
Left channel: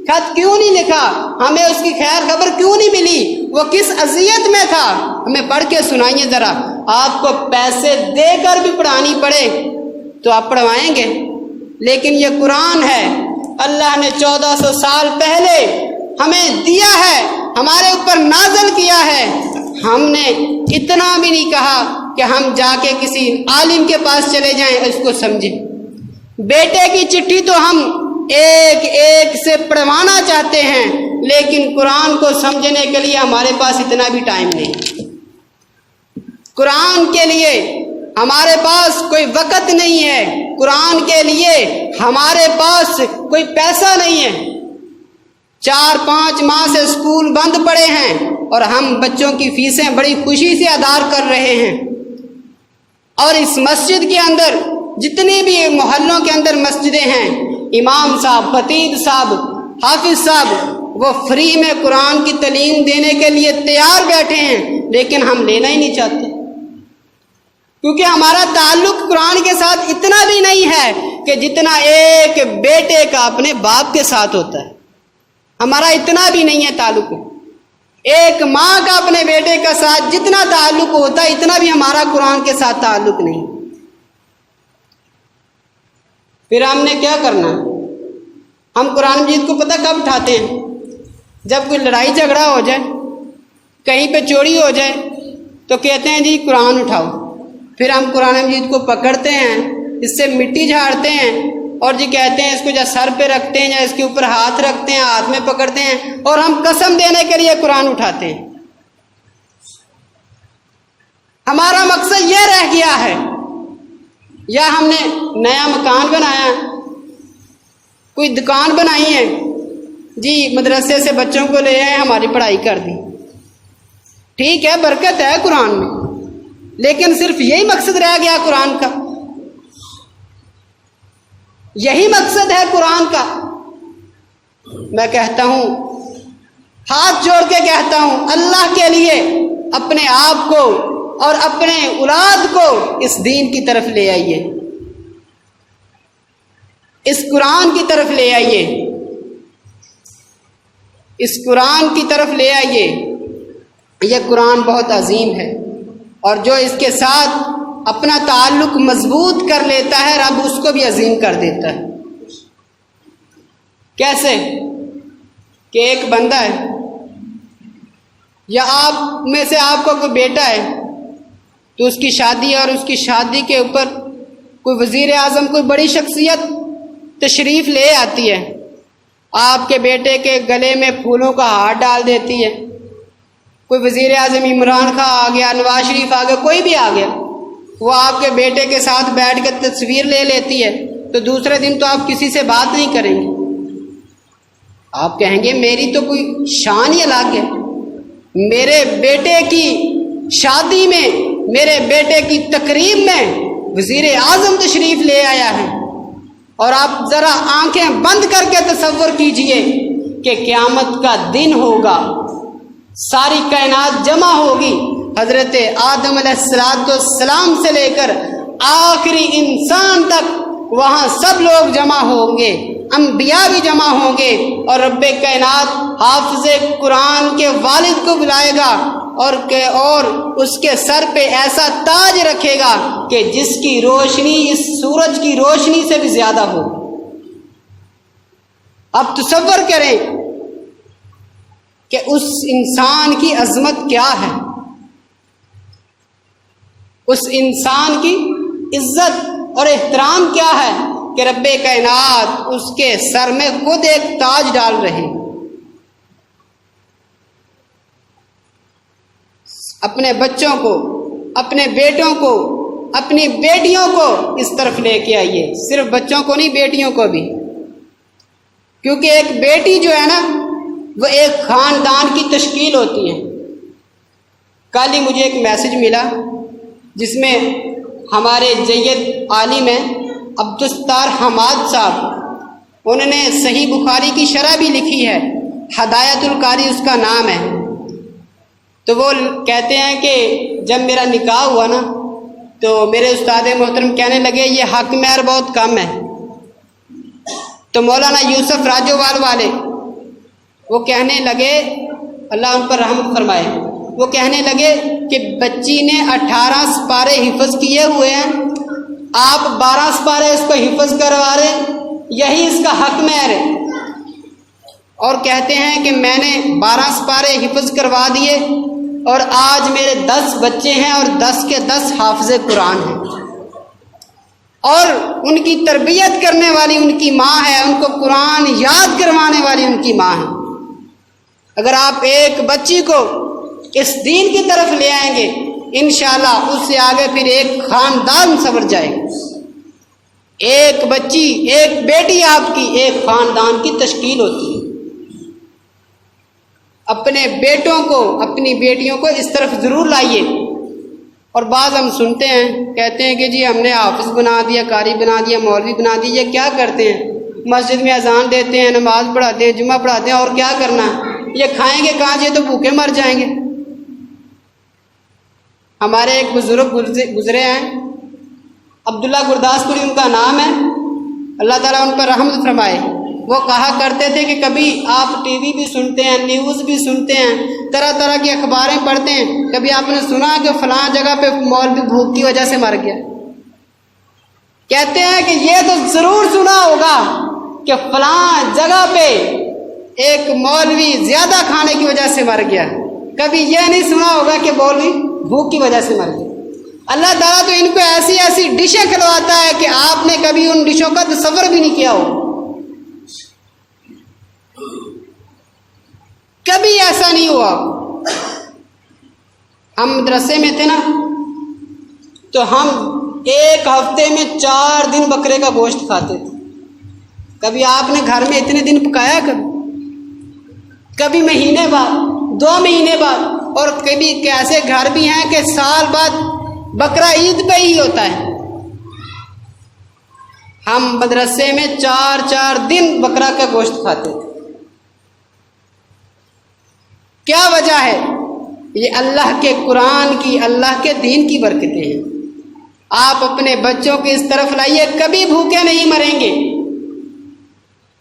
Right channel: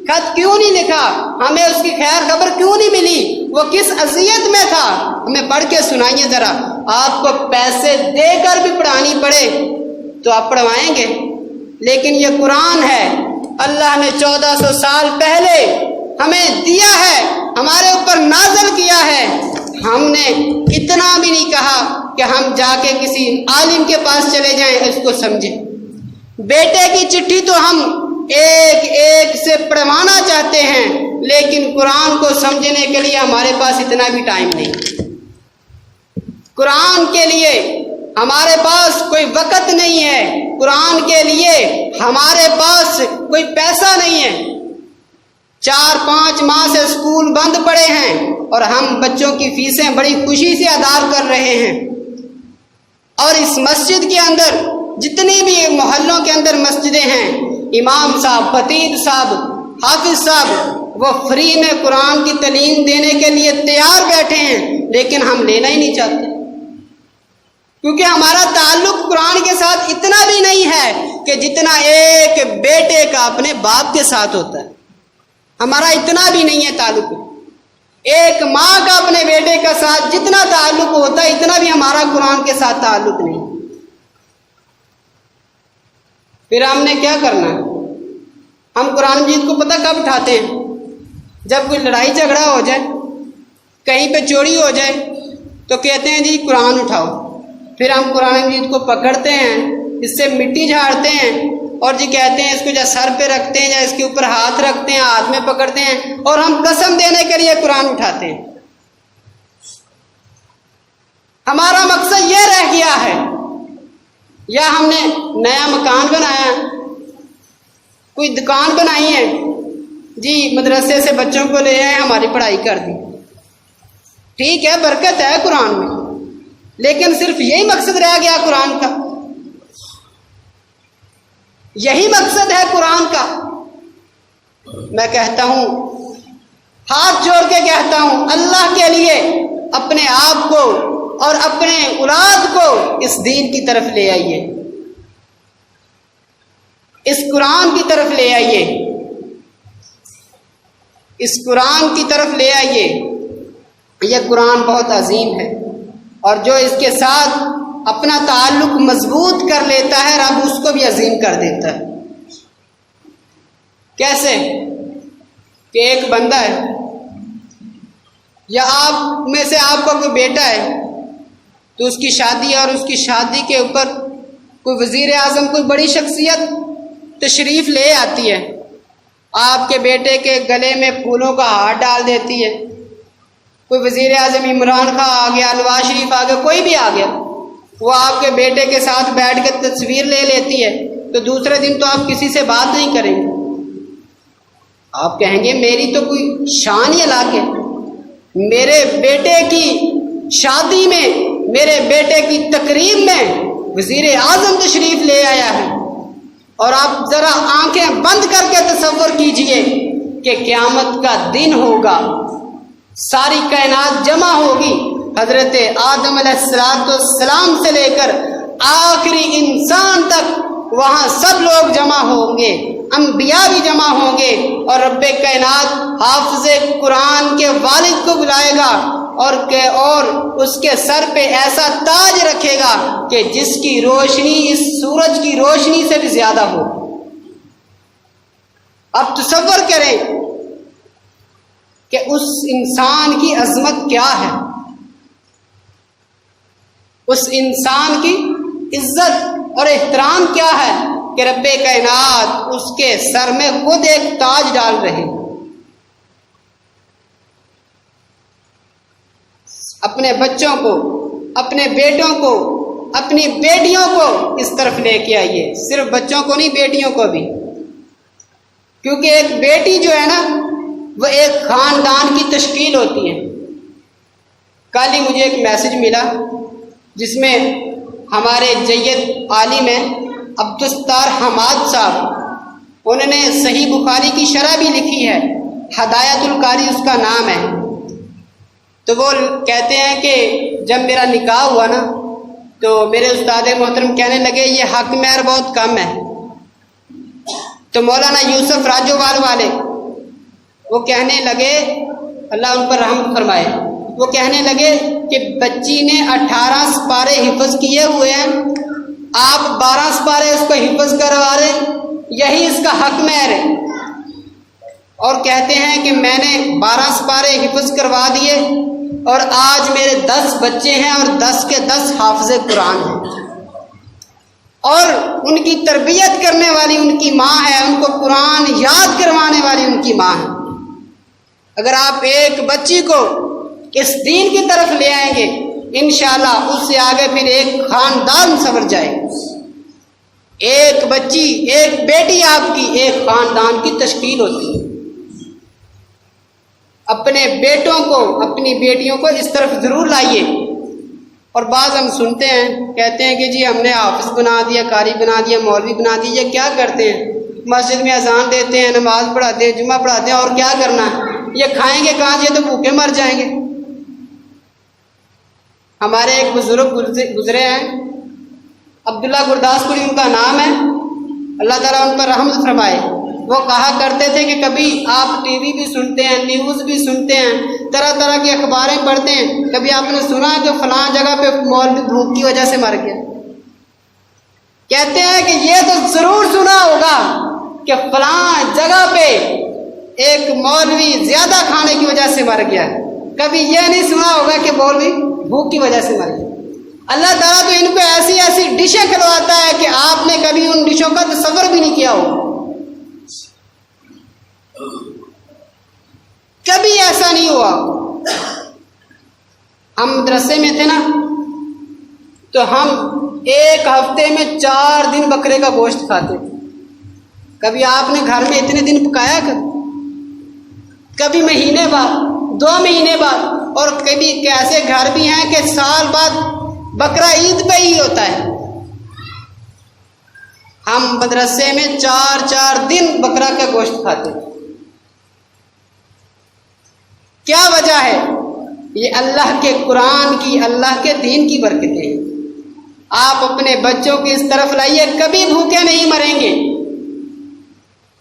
خط کیوں نہیں لکھا، ہمیں اس کی خیر خبر کیوں نہیں ملی، وہ کس اذیت میں تھا، ہمیں پڑھ کے سنائیے ذرا۔ آپ کو پیسے دے کر بھی پڑھانی پڑے تو آپ پڑھوائیں گے، لیکن یہ قرآن ہے، اللہ نے 1400 سال پہلے ہمیں دیا ہے، ہمارے اوپر نازل کیا ہے، ہم نے اتنا بھی نہیں کہا کہ ہم جا کے کسی عالم کے پاس چلے جائیں اس کو سمجھیں۔ بیٹے کی چٹھی تو ہم ایک ایک سے پڑھوانا چاہتے ہیں، لیکن قرآن کو سمجھنے کے لیے ہمارے پاس اتنا بھی ٹائم نہیں، قرآن کے لیے ہمارے پاس کوئی وقت نہیں ہے، قرآن کے لیے ہمارے پاس کوئی پیسہ نہیں ہے۔ 4-5 ماہ سے اسکول بند پڑے ہیں اور ہم بچوں کی فیسیں بڑی خوشی سے ادا کر رہے ہیں، اور اس مسجد کے اندر جتنی بھی محلوں کے اندر مسجدیں ہیں، امام صاحب، خطیب صاحب، حافظ صاحب وہ فری میں قرآن کی تعلیم دینے کے لیے تیار بیٹھے ہیں، لیکن ہم لینا ہی نہیں چاہتے، کیونکہ ہمارا تعلق قرآن کے ساتھ اتنا بھی نہیں ہے کہ جتنا ایک بیٹے کا اپنے باپ کے ساتھ ہوتا ہے، ہمارا اتنا بھی نہیں ہے تعلق۔ ایک ماں کا اپنے بیٹے کا ساتھ جتنا تعلق ہوتا ہے اتنا بھی ہمارا قرآن کے ساتھ تعلق نہیں۔ پھر ہم نے کیا کرنا ہے؟ ہم قرآن مجید کو پتہ کب اٹھاتے ہیں؟ جب کوئی لڑائی جھگڑا ہو جائے، کہیں پہ چوری ہو جائے تو کہتے ہیں جی قرآن اٹھاؤ، پھر ہم قرآن مجید کو پکڑتے ہیں، اس سے مٹی جھاڑتے ہیں اور جی کہتے ہیں اس کو یا سر پہ رکھتے ہیں یا اس کے اوپر ہاتھ رکھتے ہیں، ہاتھ میں پکڑتے ہیں اور ہم قسم دینے کے لیے قرآن اٹھاتے ہیں۔ ہمارا مقصد یہ رہ گیا ہے، یا ہم نے نیا مکان بنایا، کوئی دکان بنائی ہے، جی مدرسے سے بچوں کو لے آئے، ہماری پڑھائی کر دی، ٹھیک ہے برکت ہے قرآن میں، لیکن صرف یہی مقصد رہ گیا قرآن کا؟ یہی مقصد ہے قرآن کا؟ میں کہتا ہوں، ہاتھ جوڑ کے کہتا ہوں، اللہ کے لیے اپنے آپ کو اور اپنے اولاد کو اس دین کی طرف لے آئیے، اس قرآن کی طرف لے آئیے، اس قرآن کی طرف لے آئیے۔ یہ قرآن بہت عظیم ہے، اور جو اس کے ساتھ اپنا تعلق مضبوط کر لیتا ہے رب اس کو بھی عظیم کر دیتا ہے۔ کیسے؟ کہ ایک بندہ ہے، یا آپ میں سے آپ کا کوئی بیٹا ہے تو اس کی شادی ہے، اور اس کی شادی کے اوپر کوئی وزیر اعظم، کوئی بڑی شخصیت تشریف لے آتی ہے، آپ کے بیٹے کے گلے میں پھولوں کا ہار ڈال دیتی ہے، کوئی وزیر اعظم عمران خان آ گیا، نواز شریف آ گیا، کوئی بھی آ گیا، وہ آپ کے بیٹے کے ساتھ بیٹھ کے تصویر لے لیتی ہے، تو دوسرے دن تو آپ کسی سے بات نہیں کریں گے، آپ کہیں گے میری تو کوئی شان ہی الگ ہے، میرے بیٹے کی شادی میں میرے بیٹے کی تقریب میں وزیر اعظم تشریف لے آیا ہے، اور آپ ذرا آنکھیں بند کر کے تصور کیجئے کہ قیامت کا دن ہوگا، ساری کائنات جمع ہوگی، حضرت آدم علیہ السلام سے لے کر آخری انسان تک وہاں سب لوگ جمع ہوں گے، انبیاء بھی جمع ہوں گے، اور رب کائنات حافظ قرآن کے والد کو بلائے گا اور اس کے سر پہ ایسا تاج رکھے گا کہ جس کی روشنی اس سورج کی روشنی سے بھی زیادہ ہو۔ اب تصور کریں کہ اس انسان کی عظمت کیا ہے، اس انسان کی عزت اور احترام کیا ہے کہ رب کائنات اس کے سر میں خود ایک تاج ڈال رہے، اپنے بچوں کو، اپنے بیٹوں کو، اپنی بیٹیوں کو اس طرف لے کے آئیے، صرف بچوں کو نہیں، بیٹیوں کو بھی، کیونکہ ایک بیٹی جو ہے نا وہ ایک خاندان کی تشکیل ہوتی ہے۔ کل ہی مجھے ایک میسج ملا جس میں ہمارے جید عالم ہیں عبدالستار حماد صاحب، انہوں نے صحیح بخاری کی شرح بھی لکھی ہے، ہدایت القاری اس کا نام ہے۔ تو وہ کہتے ہیں کہ جب میرا نکاح ہوا نا تو میرے استاد محترم کہنے لگے یہ حق مہر بہت کم ہے، تو مولانا یوسف راجووال والے وہ کہنے لگے، اللہ ان پر رحم فرمائے، وہ کہنے لگے کہ بچی نے 18 سپارے حفظ کیے ہوئے ہیں، آپ 12 سپارے اس کو حفظ کروا رہے، یہی اس کا حق مہر ہے۔ اور کہتے ہیں کہ میں نے 12 سپارے حفظ کروا دیے اور آج میرے 10 بچے ہیں اور 10 کے 10 حافظ قرآن ہیں، اور ان کی تربیت کرنے والی ان کی ماں ہے، ان کو قرآن یاد کروانے والی ان کی ماں ہے۔ اگر آپ ایک بچی کو اس دین کی طرف لے آئیں گے انشاءاللہ اس سے آگے پھر ایک خاندان سنور جائے گا۔ ایک بچی، ایک بیٹی آپ کی ایک خاندان کی تشکیل ہوتی ہے۔ اپنے بیٹوں کو، اپنی بیٹیوں کو اس طرف ضرور لائیے۔ اور بعض ہم سنتے ہیں، کہتے ہیں کہ جی ہم نے حافظ بنا دیا، قاری بنا دیا، مولوی بنا دیا، یہ کیا کرتے ہیں؟ مسجد میں اذان دیتے ہیں، نماز پڑھاتے ہیں، جمعہ پڑھاتے ہیں، اور کیا کرنا ہے؟ یہ کھائیں گے کہاں؟ یہ تو بھوکے مر جائیں گے۔ ہمارے ایک بزرگ گزرے ہیں، عبداللہ گرداسپوری ان کا نام ہے، اللہ تعالیٰ ان پر رحمت فرمائے۔ وہ کہا کرتے تھے کہ کبھی آپ ٹی وی بھی سنتے ہیں، نیوز بھی سنتے ہیں، طرح طرح کی اخباریں پڑھتے ہیں، کبھی آپ نے سنا کہ فلاں جگہ پہ مولوی بھوک کی وجہ سے مر گیا؟ کہتے ہیں کہ یہ تو ضرور سنا ہوگا کہ فلاں جگہ پہ ایک مولوی زیادہ کھانے کی وجہ سے مر گیا، کبھی یہ نہیں سنا ہوگا کہ مولوی بھوک کی وجہ سے مر گیا۔ اللہ تعالیٰ تو ان کو ایسی ایسی ڈشیں کھلواتا ہے کہ آپ نے کبھی ان ڈشوں کا تصور بھی نہیں کیا ہو، کبھی ایسا نہیں ہوا۔ ہم مدرسے میں تھے نا تو ہم ایک ہفتے میں 4 دن بکرے کا گوشت کھاتے تھے۔ کبھی آپ نے گھر میں اتنے دن پکایا؟ کبھی مہینے بعد، 2 مہینے بعد، اور کبھی ایسے گھر بھی ہیں کہ سال بعد بکرا عید پہ ہی ہوتا ہے۔ ہم مدرسے میں 4 دن بکرا کا گوشت کھاتے تھے۔ کیا وجہ ہے؟ یہ اللہ کے قرآن کی، اللہ کے دین کی برکتیں ہیں۔ آپ اپنے بچوں کو اس طرف لائیے، کبھی بھوکے نہیں مریں گے۔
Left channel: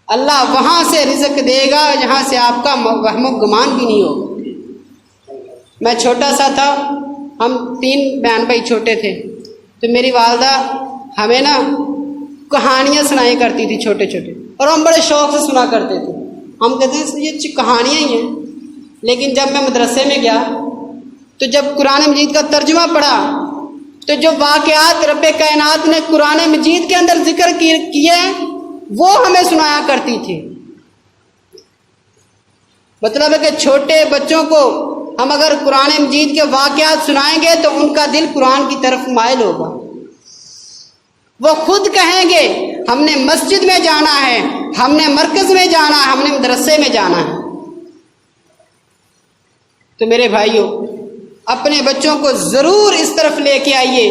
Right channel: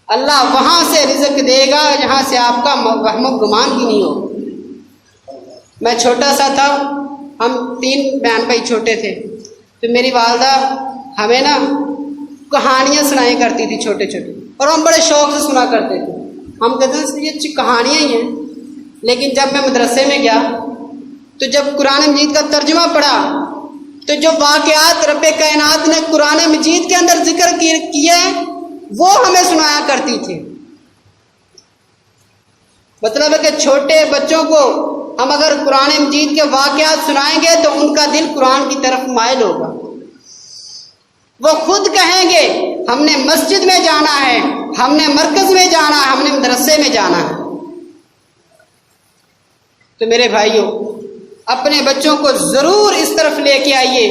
اللہ وہاں سے رزق دے گا جہاں سے آپ کا وہم و گمان بھی نہیں ہو۔ میں چھوٹا سا تھا، ہم 3 بہن بھائی چھوٹے تھے، تو میری والدہ ہمیں نا کہانیاں سنائی کرتی تھی چھوٹے چھوٹے، اور ہم بڑے شوق سے سنا کرتے تھے۔ ہم کہتے ہیں یہ کہانیاں ہی ہیں، لیکن جب میں مدرسے میں گیا تو جب قرآن مجید کا ترجمہ پڑھا تو جو واقعات رب کائنات نے قرآن مجید کے اندر ذکر کیے ہیں وہ ہمیں سنایا کرتی تھی۔ مطلب ہے کہ چھوٹے بچوں کو ہم اگر قرآن مجید کے واقعات سنائیں گے تو ان کا دل قرآن کی طرف مائل ہوگا، وہ خود کہیں گے ہم نے مسجد میں جانا ہے، ہم نے مرکز میں جانا ہے، ہم نے مدرسے میں جانا ہے۔ تو میرے بھائیوں، اپنے بچوں کو ضرور اس طرف لے کے آئیے،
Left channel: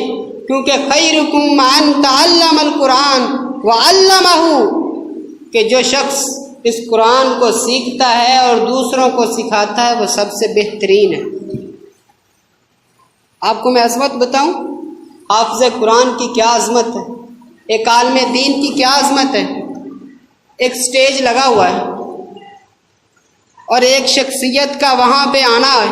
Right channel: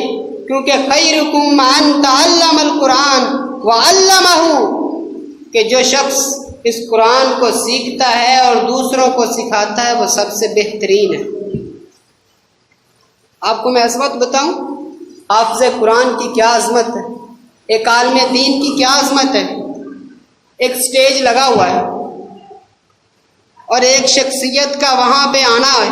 کیونکہ خیرکم من تعلم القرآن وعلمہ، کہ جو شخص اس قرآن کو سیکھتا ہے اور دوسروں کو سکھاتا ہے وہ سب سے بہترین ہے۔ آپ کو میں عظمت بتاؤں، حافظ قرآن کی کیا عظمت ہے، ایک عالم دین کی کیا عظمت ہے۔ ایک سٹیج لگا ہوا ہے اور ایک شخصیت کا وہاں پہ آنا ہے،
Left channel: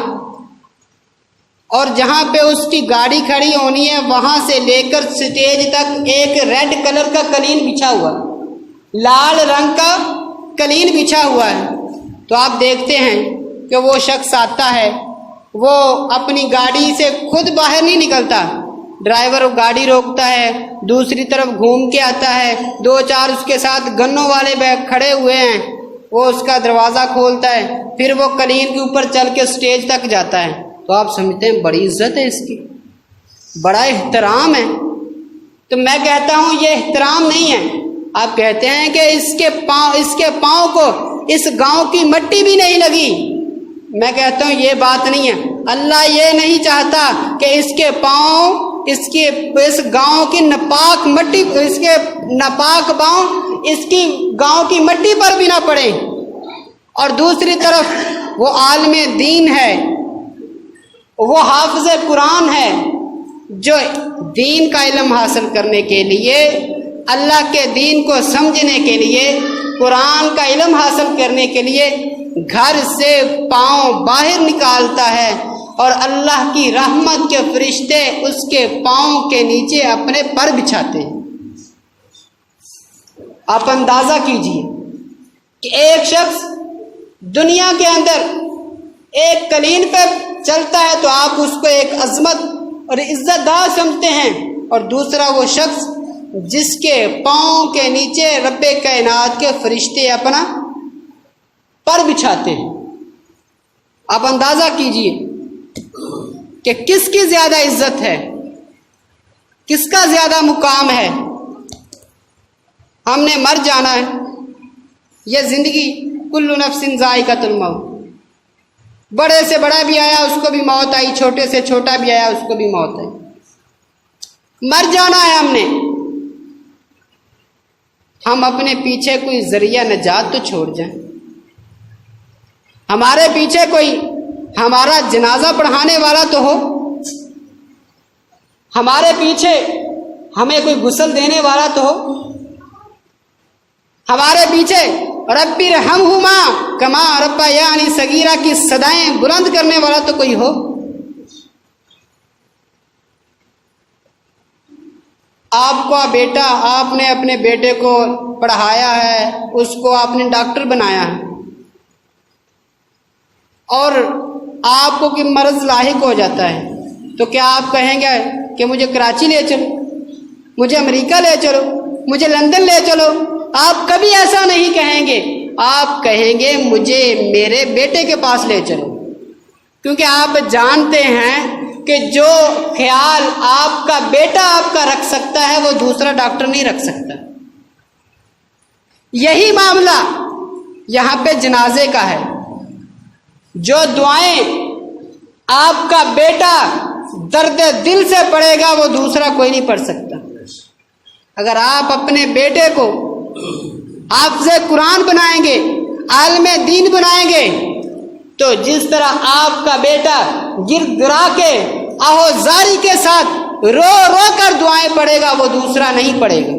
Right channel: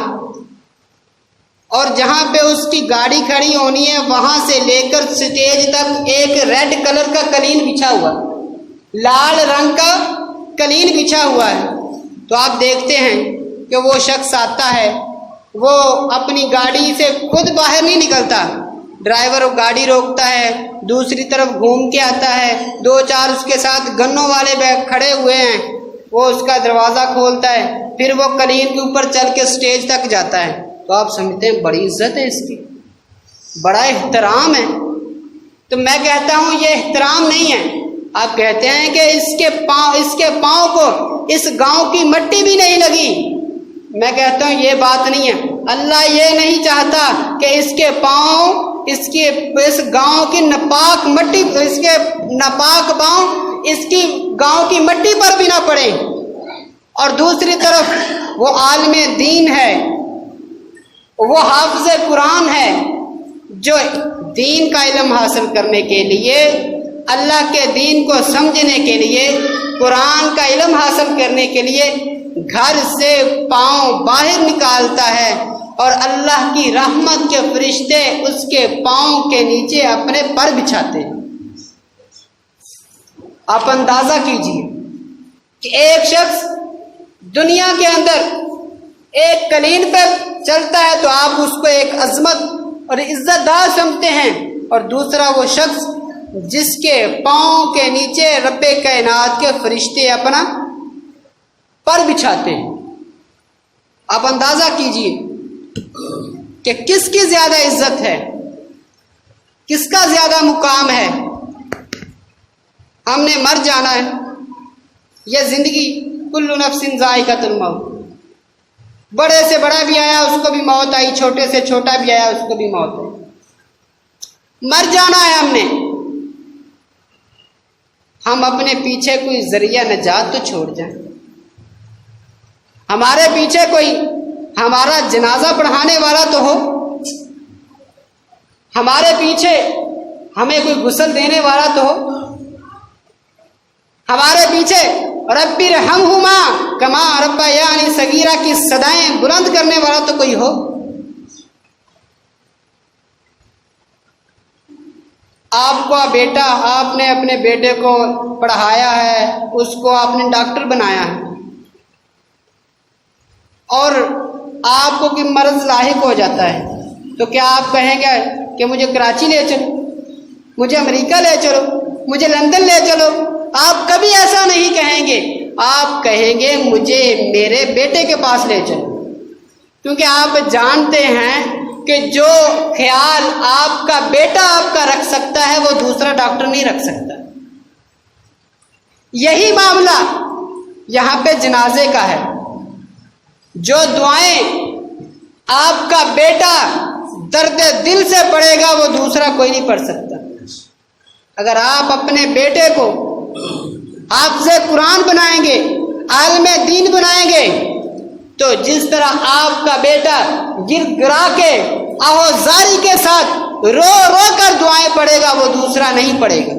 اور جہاں پہ اس کی گاڑی کھڑی ہونی ہے وہاں سے لے کر سٹیج تک ایک ریڈ کلر کا قلین بچھا ہوا ہے، لال رنگ کا قلین بچھا ہوا ہے۔ تو آپ دیکھتے ہیں کہ وہ شخص آتا ہے، وہ اپنی گاڑی سے خود باہر نہیں نکلتا، ڈرائیور گاڑی روکتا ہے، دوسری طرف گھوم کے آتا ہے، دو چار اس کے ساتھ گنوں والے بیگ کھڑے ہوئے ہیں، وہ اس کا دروازہ کھولتا ہے، پھر وہ قلین کے اوپر چل کے سٹیج تک جاتا ہے۔ تو آپ سمجھتے ہیں بڑی عزت ہے اس کی، بڑا احترام ہے۔ تو میں کہتا ہوں یہ احترام نہیں ہے۔ آپ کہتے ہیں کہ اس کے پاؤں کو اس گاؤں کی مٹی بھی نہیں لگی، میں کہتا ہوں یہ بات نہیں ہے۔ اللہ یہ نہیں چاہتا کہ اس کے پاؤں اس گاؤں کی ناپاک مٹی، اس کے ناپاک پاؤں اس کی گاؤں کی مٹی پر بھی نہ پڑے۔ اور دوسری طرف وہ عالم دین ہے، وہ حافظ قرآن ہے، جو دین کا علم حاصل کرنے کے لیے، اللہ کے دین کو سمجھنے کے لیے، قرآن کا علم حاصل کرنے کے لیے گھر سے پاؤں باہر نکالتا ہے، اور اللہ کی رحمت کے فرشتے اس کے پاؤں کے نیچے اپنے پر بچھاتے ہیں۔ آپ اندازہ کیجئے کہ ایک شخص دنیا کے اندر ایک قلین پہ چلتا ہے تو آپ اس کو ایک عظمت اور عزت دار سمجھتے ہیں، اور دوسرا وہ شخص جس کے پاؤں کے نیچے رب کائنات کے فرشتے اپنا پر بچھاتے ہیں۔ آپ اندازہ کیجئے کہ کس کی زیادہ عزت ہے، کس کا زیادہ مقام ہے۔ ہم نے مر جانا ہے، یہ زندگی کل نفس ذائقۃ الموت، بڑے سے بڑا بھی آیا اس کو بھی موت آئی، چھوٹے سے چھوٹا بھی آیا اس کو بھی موت آئی، مر جانا ہے ہم نے۔ ہم اپنے پیچھے کوئی ذریعہ نجات تو چھوڑ جائیں، ہمارے پیچھے کوئی ہمارا جنازہ پڑھانے والا تو ہو، ہمارے پیچھے ہمیں کوئی غسل دینے والا تو ہو، ہمارے پیچھے ربی ارحمہما کما ربیانی صغیرہ کی صدائیں بلند کرنے والا تو کوئی ہو۔ آپ کا بیٹا، آپ نے اپنے بیٹے کو پڑھایا ہے، اس کو آپ نے ڈاکٹر بنایا ہے، اور آپ کو کوئی مرض لاحق ہو جاتا ہے تو کیا آپ کہیں گے کہ مجھے کراچی لے چلو، مجھے امریکہ لے چلو، مجھے لندن لے چلو؟ آپ کبھی ایسا نہیں کہیں گے، آپ کہیں گے مجھے میرے بیٹے کے پاس لے چلو، کیونکہ آپ جانتے ہیں کہ جو خیال آپ کا بیٹا آپ کا رکھ سکتا ہے وہ دوسرا ڈاکٹر نہیں رکھ سکتا۔ یہی معاملہ یہاں پہ جنازے کا ہے۔ جو دعائیں آپ کا بیٹا درد دل سے پڑھے گا وہ دوسرا کوئی نہیں پڑھ سکتا۔ اگر آپ اپنے بیٹے کو حافظ قرآن بنائیں گے، عالم دین بنائیں گے، تو جس طرح آپ کا بیٹا گر گرا کے آہوزاری کے ساتھ رو رو کر دعائیں پڑھے گا وہ دوسرا نہیں پڑھے گا،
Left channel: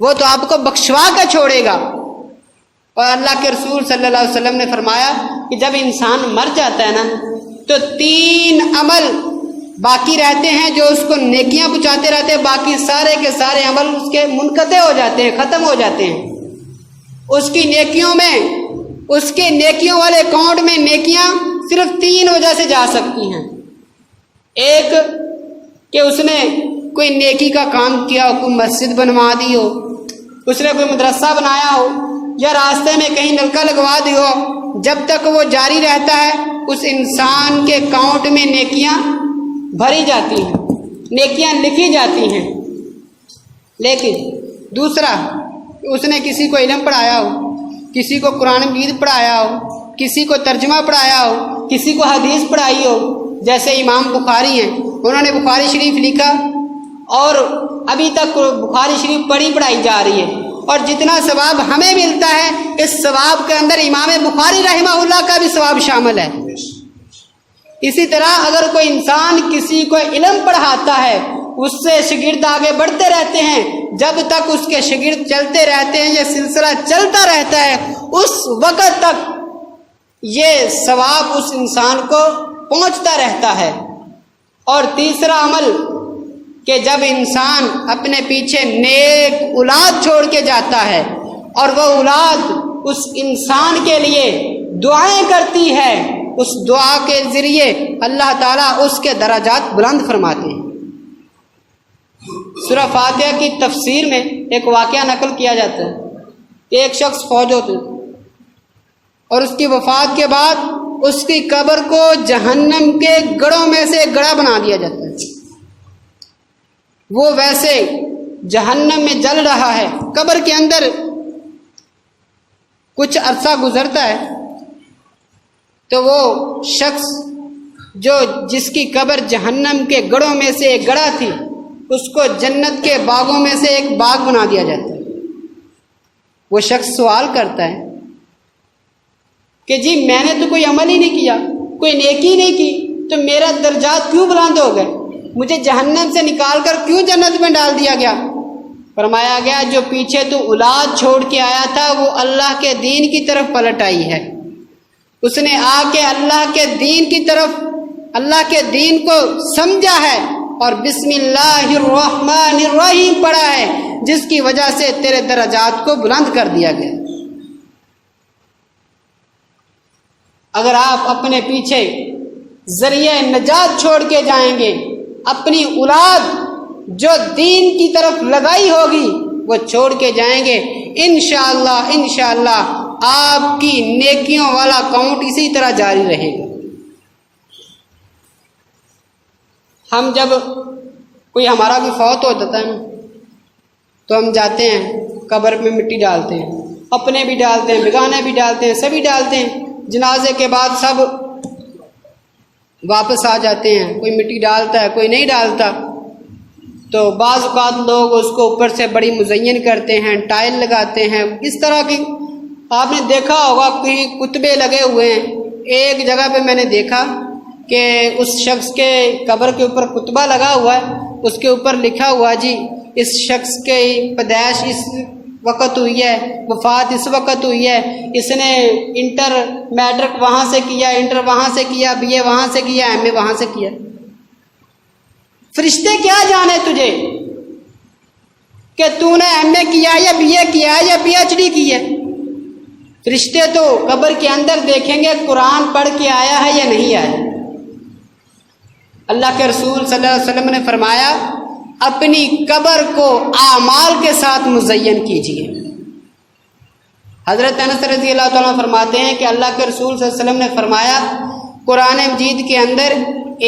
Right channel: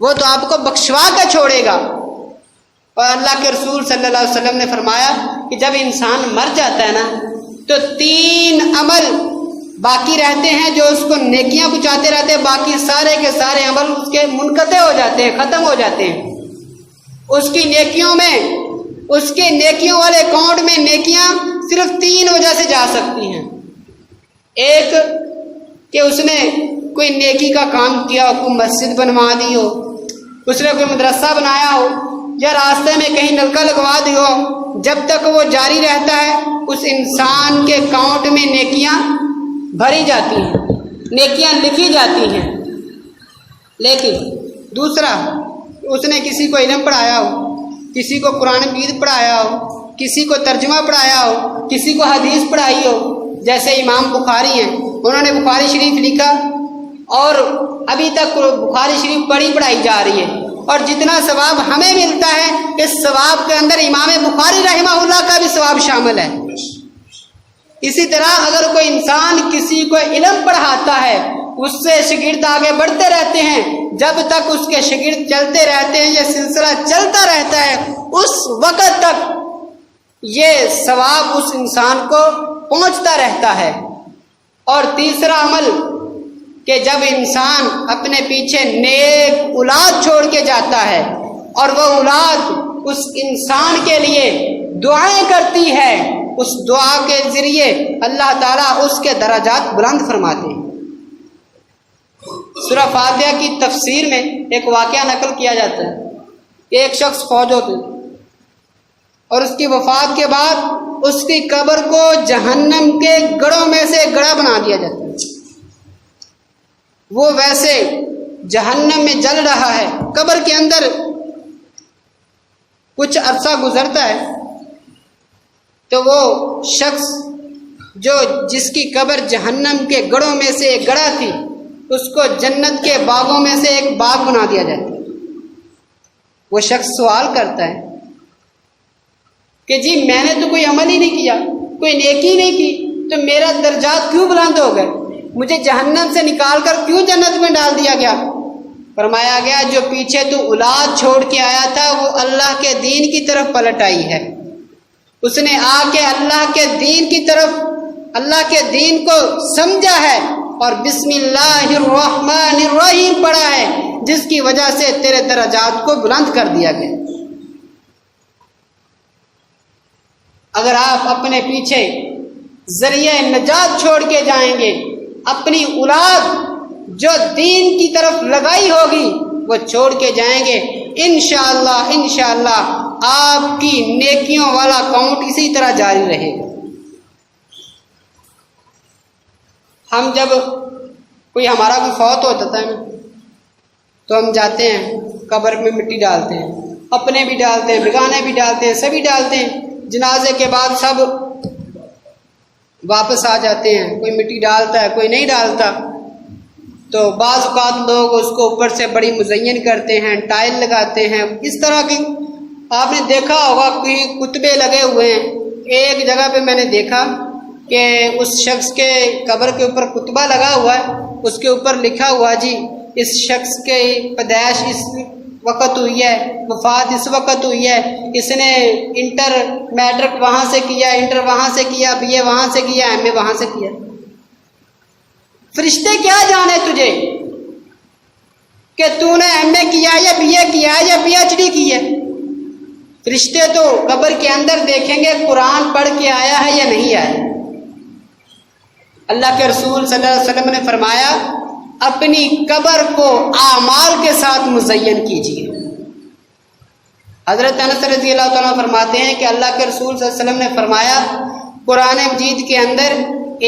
وہ تو آپ کو بخشوا کر چھوڑے گا۔ اور اللہ کے رسول صلی اللہ علیہ وسلم نے فرمایا کہ جب انسان مر جاتا ہے نا تو 3 عمل باقی رہتے ہیں جو اس کو نیکیاں پہنچاتے رہتے ہیں، باقی سارے کے سارے عمل اس کے منقطع ہو جاتے ہیں، ختم ہو جاتے ہیں۔ اس کی نیکیوں میں، اس کے نیکیوں والے اکاؤنٹ میں نیکیاں صرف 3 وجہ سے جا سکتی ہیں۔ ایک کہ اس نے کوئی نیکی کا کام کیا ہو، کوئی مسجد بنوا دی ہو، اس نے کوئی مدرسہ بنایا ہو، یا راستے میں کہیں نلکا لگوا دی ہو، جب تک وہ جاری رہتا ہے اس انسان کے اکاؤنٹ میں نیکیاں بھری جاتی ہیں، نیکیاں لکھی جاتی ہیں۔ لیکن دوسرا، اس نے کسی کو علم پڑھایا ہو، کسی کو قرآن مجید پڑھایا ہو، کسی کو ترجمہ پڑھایا ہو، کسی کو حدیث پڑھائی ہو، جیسے امام بخاری ہیں، انہوں نے بخاری شریف لکھا اور ابھی تک بخاری شریف پڑھائی جا رہی ہے، اور جتنا ثواب ہمیں ملتا ہے اس ثواب کے اندر امام بخاری رحمہ اللہ کا بھی ثواب شامل ہے۔ اسی طرح اگر کوئی انسان کسی کو علم پڑھاتا ہے، اس سے شاگرد آگے بڑھتے رہتے ہیں، جب تک اس کے شاگرد چلتے رہتے ہیں، یہ سلسلہ چلتا رہتا ہے، اس وقت تک یہ ثواب اس انسان کو پہنچتا رہتا ہے۔ اور تیسرا عمل کہ جب انسان اپنے پیچھے نیک اولاد چھوڑ کے جاتا ہے اور وہ اولاد اس انسان کے لیے دعائیں کرتی ہے، اس دعا کے ذریعے اللہ تعالیٰ اس کے درجات بلند فرماتے ہیں۔ سورہ فاتحہ کی تفسیر میں ایک واقعہ نقل کیا جاتا ہے کہ ایک شخص فوت ہوتے اور اس کی وفات کے بعد اس کی قبر کو جہنم کے گڑھوں میں سے ایک گڑھا بنا دیا جاتا ہے۔ وہ ویسے جہنم میں جل رہا ہے، قبر کے اندر کچھ عرصہ گزرتا ہے تو وہ شخص جس کی قبر جہنم کے گڑھوں میں سے ایک گڑھا تھی، اس کو جنت کے باغوں میں سے ایک باغ بنا دیا جاتا ہے۔ وہ شخص سوال کرتا ہے کہ جی میں نے تو کوئی عمل ہی نہیں کیا، کوئی نیکی نہیں کی، تو میرا درجات کیوں بلند ہو گئے؟ مجھے جہنم سے نکال کر کیوں جنت میں ڈال دیا گیا؟ فرمایا گیا جو پیچھے تو اولاد چھوڑ کے آیا تھا وہ اللہ کے دین کی طرف پلٹ آئی ہے، اس نے آ کے اللہ کے دین کی طرف، اللہ کے دین کو سمجھا ہے اور بسم اللہ الرحمن الرحیم پڑھا ہے، جس کی وجہ سے تیرے درجات کو بلند کر دیا گیا۔ اگر آپ اپنے پیچھے ذریعہ نجات چھوڑ کے جائیں گے، اپنی اولاد جو دین کی طرف لگائی ہوگی وہ چھوڑ کے جائیں گے، انشاءاللہ آپ کی نیکیوں والا کاؤنٹ اسی طرح جاری رہے گا۔ ہم جب کوئی ہمارا بھی فوت ہو جاتا ہے نا تو ہم جاتے ہیں قبر میں مٹی ڈالتے ہیں، اپنے بھی ڈالتے ہیں، بیگانے بھی ڈالتے ہیں، سبھی ڈالتے ہیں۔ جنازے کے بعد سب واپس آ جاتے ہیں، کوئی مٹی ڈالتا ہے، کوئی نہیں ڈالتا۔ تو بعض اوقات لوگ اس کو اوپر سے بڑی مزین کرتے ہیں، ٹائل لگاتے ہیں، اس طرح کی آپ نے دیکھا ہوگا کہیں کتبے لگے ہوئے ہیں۔ ایک جگہ پہ میں نے دیکھا کہ اس شخص کے قبر کے اوپر کتبہ لگا ہوا ہے، اس کے اوپر لکھا ہوا جی اس شخص کے پیدائش اس وقت ہوئی ہے، وفات اس وقت ہوئی ہے، اس نے انٹر میٹرک وہاں سے کیا، انٹر وہاں سے کیا، بی اے وہاں سے کیا، ایم اے وہاں سے کیا۔ فرشتے کیا جانے تجھے کہ تو نے ایم اے کیا یا بی اے کیا یا پی ایچ ڈی کی ہے؟ فرشتے تو قبر کے اندر دیکھیں گے قرآن پڑھ کے آیا ہے یا نہیں آیا۔ اللہ کے رسول صلی اللہ علیہ وسلم نے فرمایا اپنی قبر کو اعمال کے ساتھ مزین کیجیے۔ حضرت انس رضی اللہ تعالیٰ فرماتے ہیں کہ اللہ کے رسول صلی اللہ علیہ وسلم نے فرمایا قرآن مجید کے اندر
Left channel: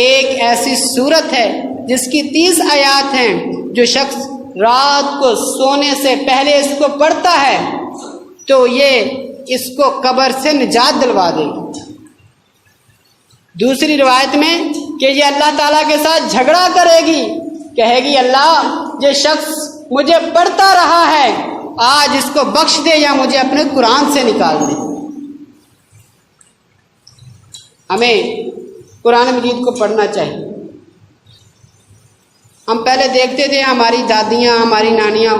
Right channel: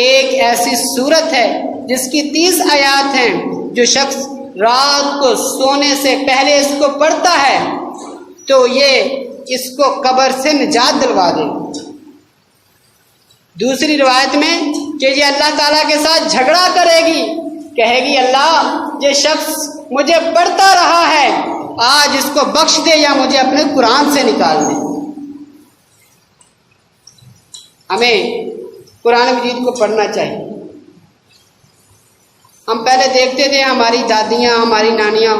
ایک ایسی سورت ہے جس کی 30 آیات ہیں، جو شخص رات کو سونے سے پہلے اس کو پڑھتا ہے تو یہ اس کو قبر سے نجات دلوا دے گی۔ دوسری روایت میں کہ یہ اللہ تعالیٰ کے ساتھ جھگڑا کرے گی، کہے گی اللہ یہ شخص مجھے پڑھتا رہا ہے، آج اس کو بخش دے یا مجھے اپنے قرآن سے نکال دے۔ ہمیں قرآن مجید کو پڑھنا چاہیے۔ ہم پہلے دیکھتے تھے ہماری دادیاں، ہماری نانیاں،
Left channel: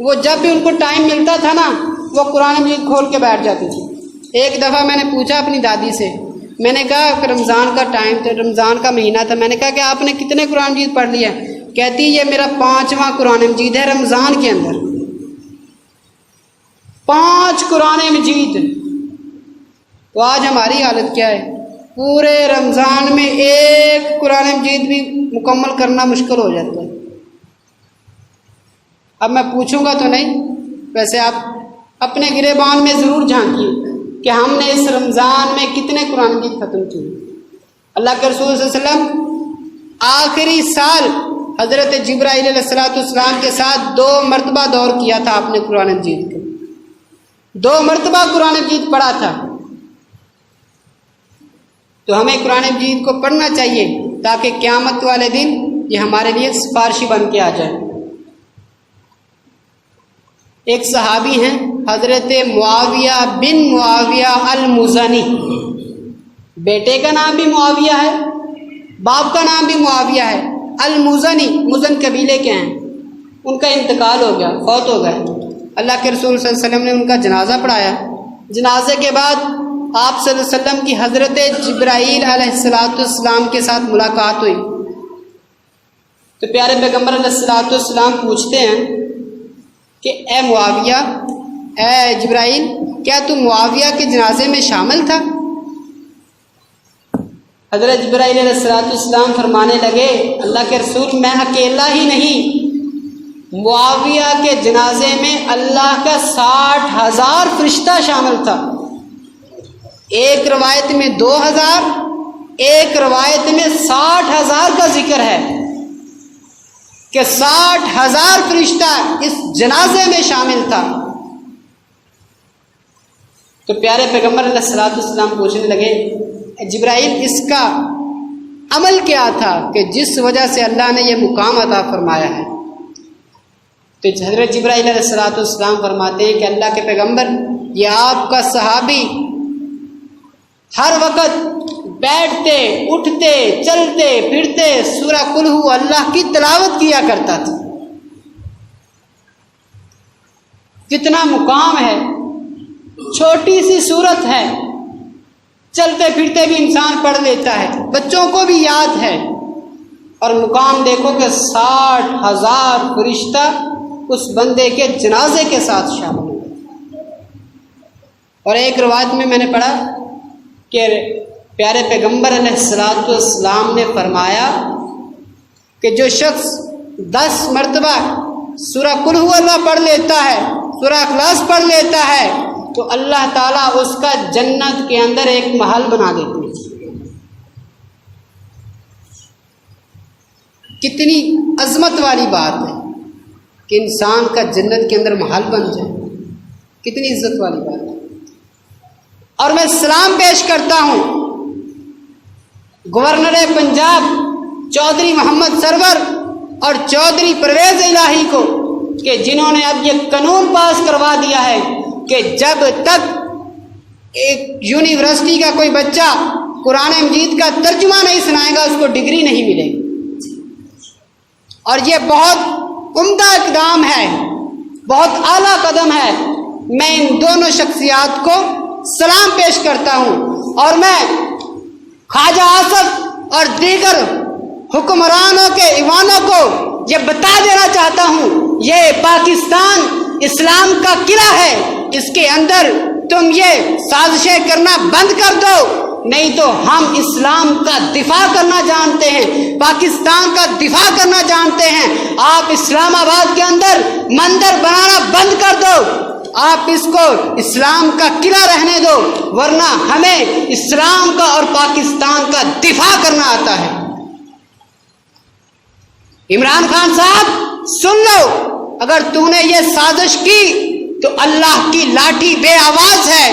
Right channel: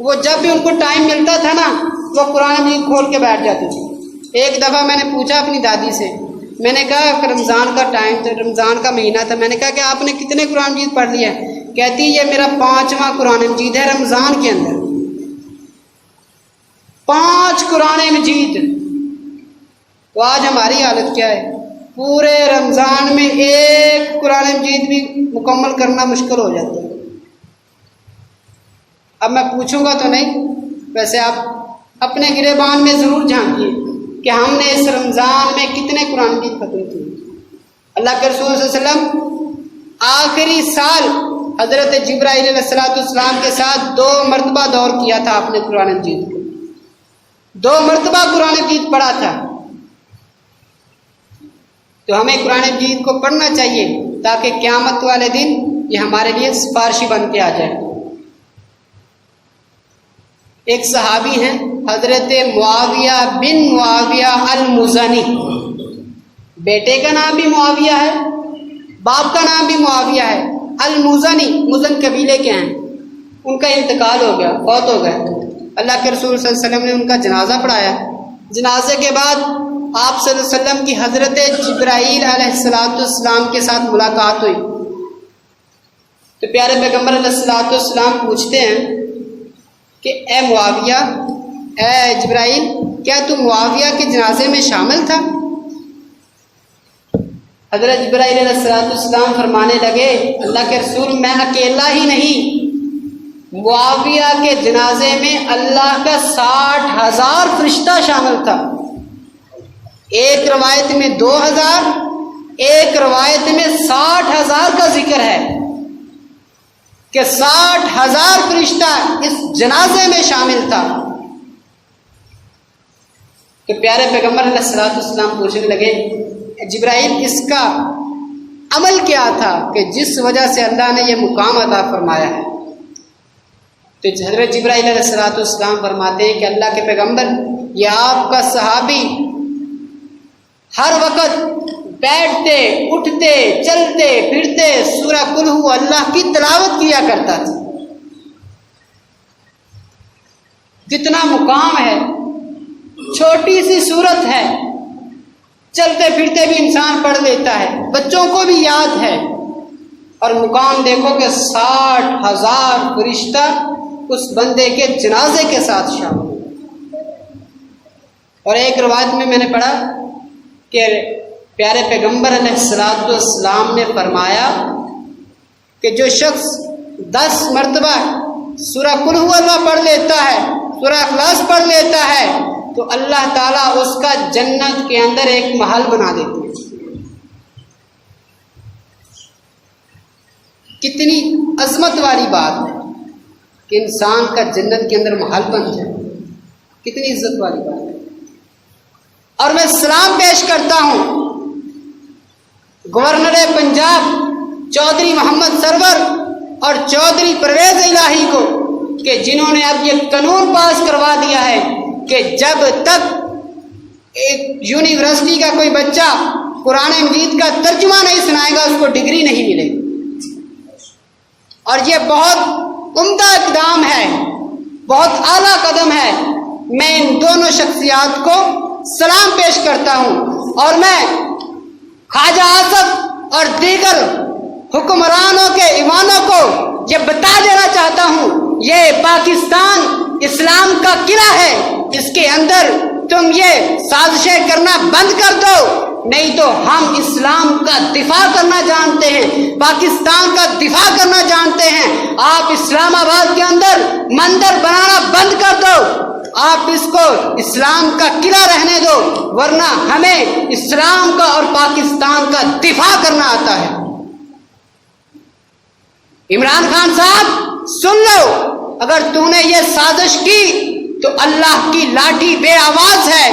وہ جب بھی ان کو ٹائم ملتا تھا نا وہ قرآن مجید کھول کے بیٹھ جاتی تھی۔ ایک دفعہ میں نے پوچھا اپنی دادی سے، میں نے کہا کہ رمضان کا ٹائم تھا، رمضان کا مہینہ تھا، میں نے کہا کہ آپ نے کتنے قرآن مجید پڑھ لیا؟ کہتی یہ میرا 5واں قرآن مجید ہے رمضان کے اندر۔ 5 قرآن مجید۔ تو آج ہماری حالت کیا ہے؟ پورے رمضان میں ایک قرآن مجید بھی مکمل کرنا مشکل ہو جاتا ہے۔ اب میں پوچھوں گا تو نہیں، ویسے آپ اپنے گریبان میں ضرور جھانکیے کہ ہم نے اس رمضان میں کتنے قرآن مجید ختم کیے۔ اللہ کے رسول صلی اللہ علیہ وسلم آخری سال حضرت جبرائیل علیہ السلام کے ساتھ 2 مرتبہ دور کیا تھا آپ نے قرآن مجید کو، 2 مرتبہ قرآن مجید پڑھا تھا۔ تو ہمیں قرآن مجید کو پڑھنا چاہیے تاکہ قیامت والے دن یہ ہمارے لیے سفارشی بن کے آ جائے۔ ایک صحابی ہیں حضرت معاویہ بن معاویہ المزنی، بیٹے کا نام بھی معاویہ ہے، باپ کا نام بھی معاویہ ہے، المزنی مزن قبیلے کے ہیں۔ ان کا انتقال ہو گیا، فوت ہو گئے۔ اللہ کے رسول صلی اللہ علیہ وسلم نے ان کا جنازہ پڑھایا۔ جنازے کے بعد آپ صلی اللہ علیہ وسلم کی حضرت جبرائیل علیہ السلام کے ساتھ ملاقات ہوئی تو پیارے پیغمبر علیہ السلام پوچھتے ہیں کہ اے معاویہ، اے جبرائیل، کیا تم معاویہ کے جنازے میں شامل تھا؟ حضرت جبرائیل علیہ السلام فرمانے لگے، اللہ کے رسول میں اکیلا ہی نہیں، معاویہ کے جنازے میں اللہ کا 60,000 فرشتہ شامل تھا۔ ایک روایت میں 2,000، ایک روایت میں 60,000 کا ذکر ہے کہ 60,000 فرشتہ اس جنازے میں شامل تھا۔ تو پیارے پیغمبر علیہ السلام پوچھنے لگے، جبرائیل اس کا عمل کیا تھا کہ جس وجہ سے اللہ نے یہ مقام عطا فرمایا ہے؟ تو حضرت جبرائیل علیہ السلام فرماتے ہیں کہ اللہ کے پیغمبر، یہ آپ کا صحابی ہر وقت بیٹھتے اٹھتے چلتے پھرتے سورہ قل ہو اللہ کی تلاوت کیا کرتا تھا۔ کتنا مقام ہے، چھوٹی سی سورت ہے، چلتے پھرتے بھی انسان پڑھ لیتا ہے، بچوں کو بھی یاد ہے، اور مقام دیکھو کہ 60,000 فرشتہ اس بندے کے جنازے کے ساتھ شامل ہوئے۔ اور ایک روایت میں نے پڑھا کہ پیارے پیغمبر علیہ السلام نے فرمایا کہ جو شخص 10 مرتبہ سورہ قل ہو اللہ پڑھ لیتا ہے، سورہ اخلاص پڑھ لیتا ہے، تو اللہ تعالیٰ اس کا جنت کے اندر ایک محل بنا دیتے ہیں۔ کتنی عظمت والی بات ہے کہ انسان کا جنت کے اندر محل بن جائے، کتنی عزت والی بات ہے۔ اور میں سلام پیش کرتا ہوں گورنر پنجاب چودھری محمد سرور اور چودھری پرویز الہی کو کہ جنہوں نے اب یہ قانون پاس کروا دیا ہے کہ جب تک ایک یونیورسٹی کا کوئی بچہ قرآن مجید کا ترجمہ نہیں سنائے گا اس کو ڈگری نہیں ملے گی۔ اور یہ بہت عمدہ اقدام ہے، بہت اعلیٰ قدم ہے۔ میں ان دونوں شخصیات کو سلام پیش کرتا ہوں، اور میں خواجہ آصف اور دیگر حکمرانوں کے ایوانوں کو یہ بتا دینا چاہتا ہوں، یہ پاکستان اسلام کا قلعہ ہے، اس کے اندر تم یہ سازشیں کرنا بند کر دو، نہیں تو ہم اسلام کا دفاع کرنا جانتے ہیں، پاکستان کا دفاع کرنا جانتے ہیں۔ آپ اسلام آباد کے اندر مندر بنانا بند کر دو، آپ اس کو اسلام کا قلعہ رہنے دو، ورنہ ہمیں اسلام کا اور پاکستان کا دفاع کرنا آتا ہے۔ عمران خان صاحب سن لو، اگر تو نے یہ سازش کی تو اللہ کی لاٹھی بے آواز ہے،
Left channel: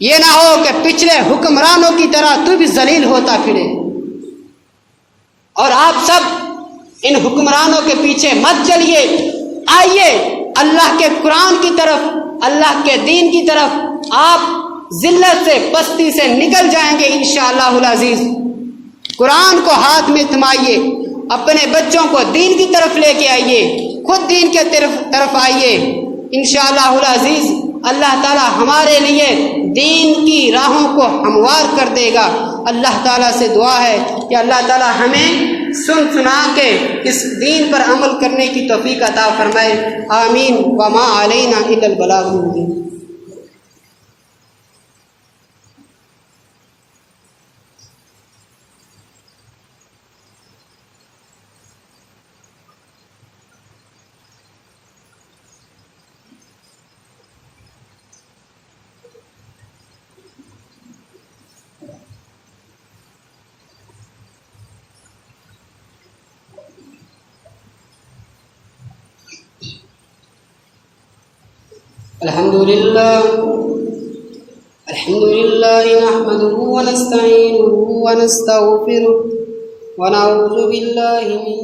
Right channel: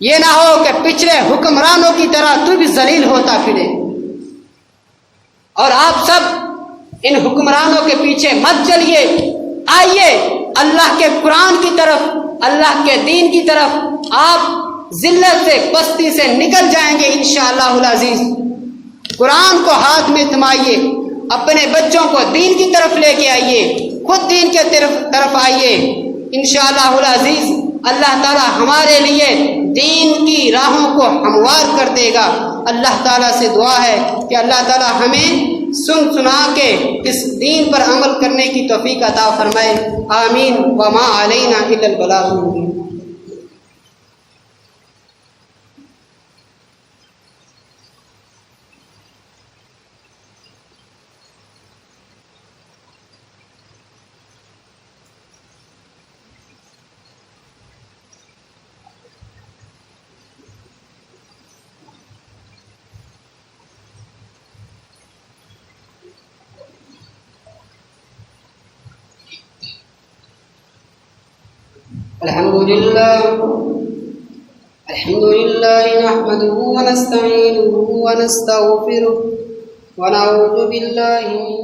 یہ نہ ہو کہ پچھلے حکمرانوں کی طرح تو بھی ذلیل ہوتا پھرے۔ اور آپ سب ان حکمرانوں کے پیچھے مت چلیے، آئیے اللہ کے قرآن کی طرف، اللہ کے دین کی طرف، آپ ذلت سے پستی سے نکل جائیں گے انشاءاللہ العزیز۔ قرآن کو ہاتھ میں تھمائیے، اپنے بچوں کو دین کی طرف لے کے آئیے، خود دین کے طرف آئیے، انشاءاللہ العزیز اللہ تعالی ہمارے لیے دین کی راہوں کو ہموار کر دے گا۔ اللہ تعالیٰ سے دعا ہے کہ اللہ تعالیٰ ہمیں سنا کے اس دین پر عمل کرنے کی توفیق عطا فرمائے، آمین۔ وما علینا الا البلاغ المبین۔ الحمد للہ الحمد لله نحمده ونستعينه ونستغفره ونعوذ بالله من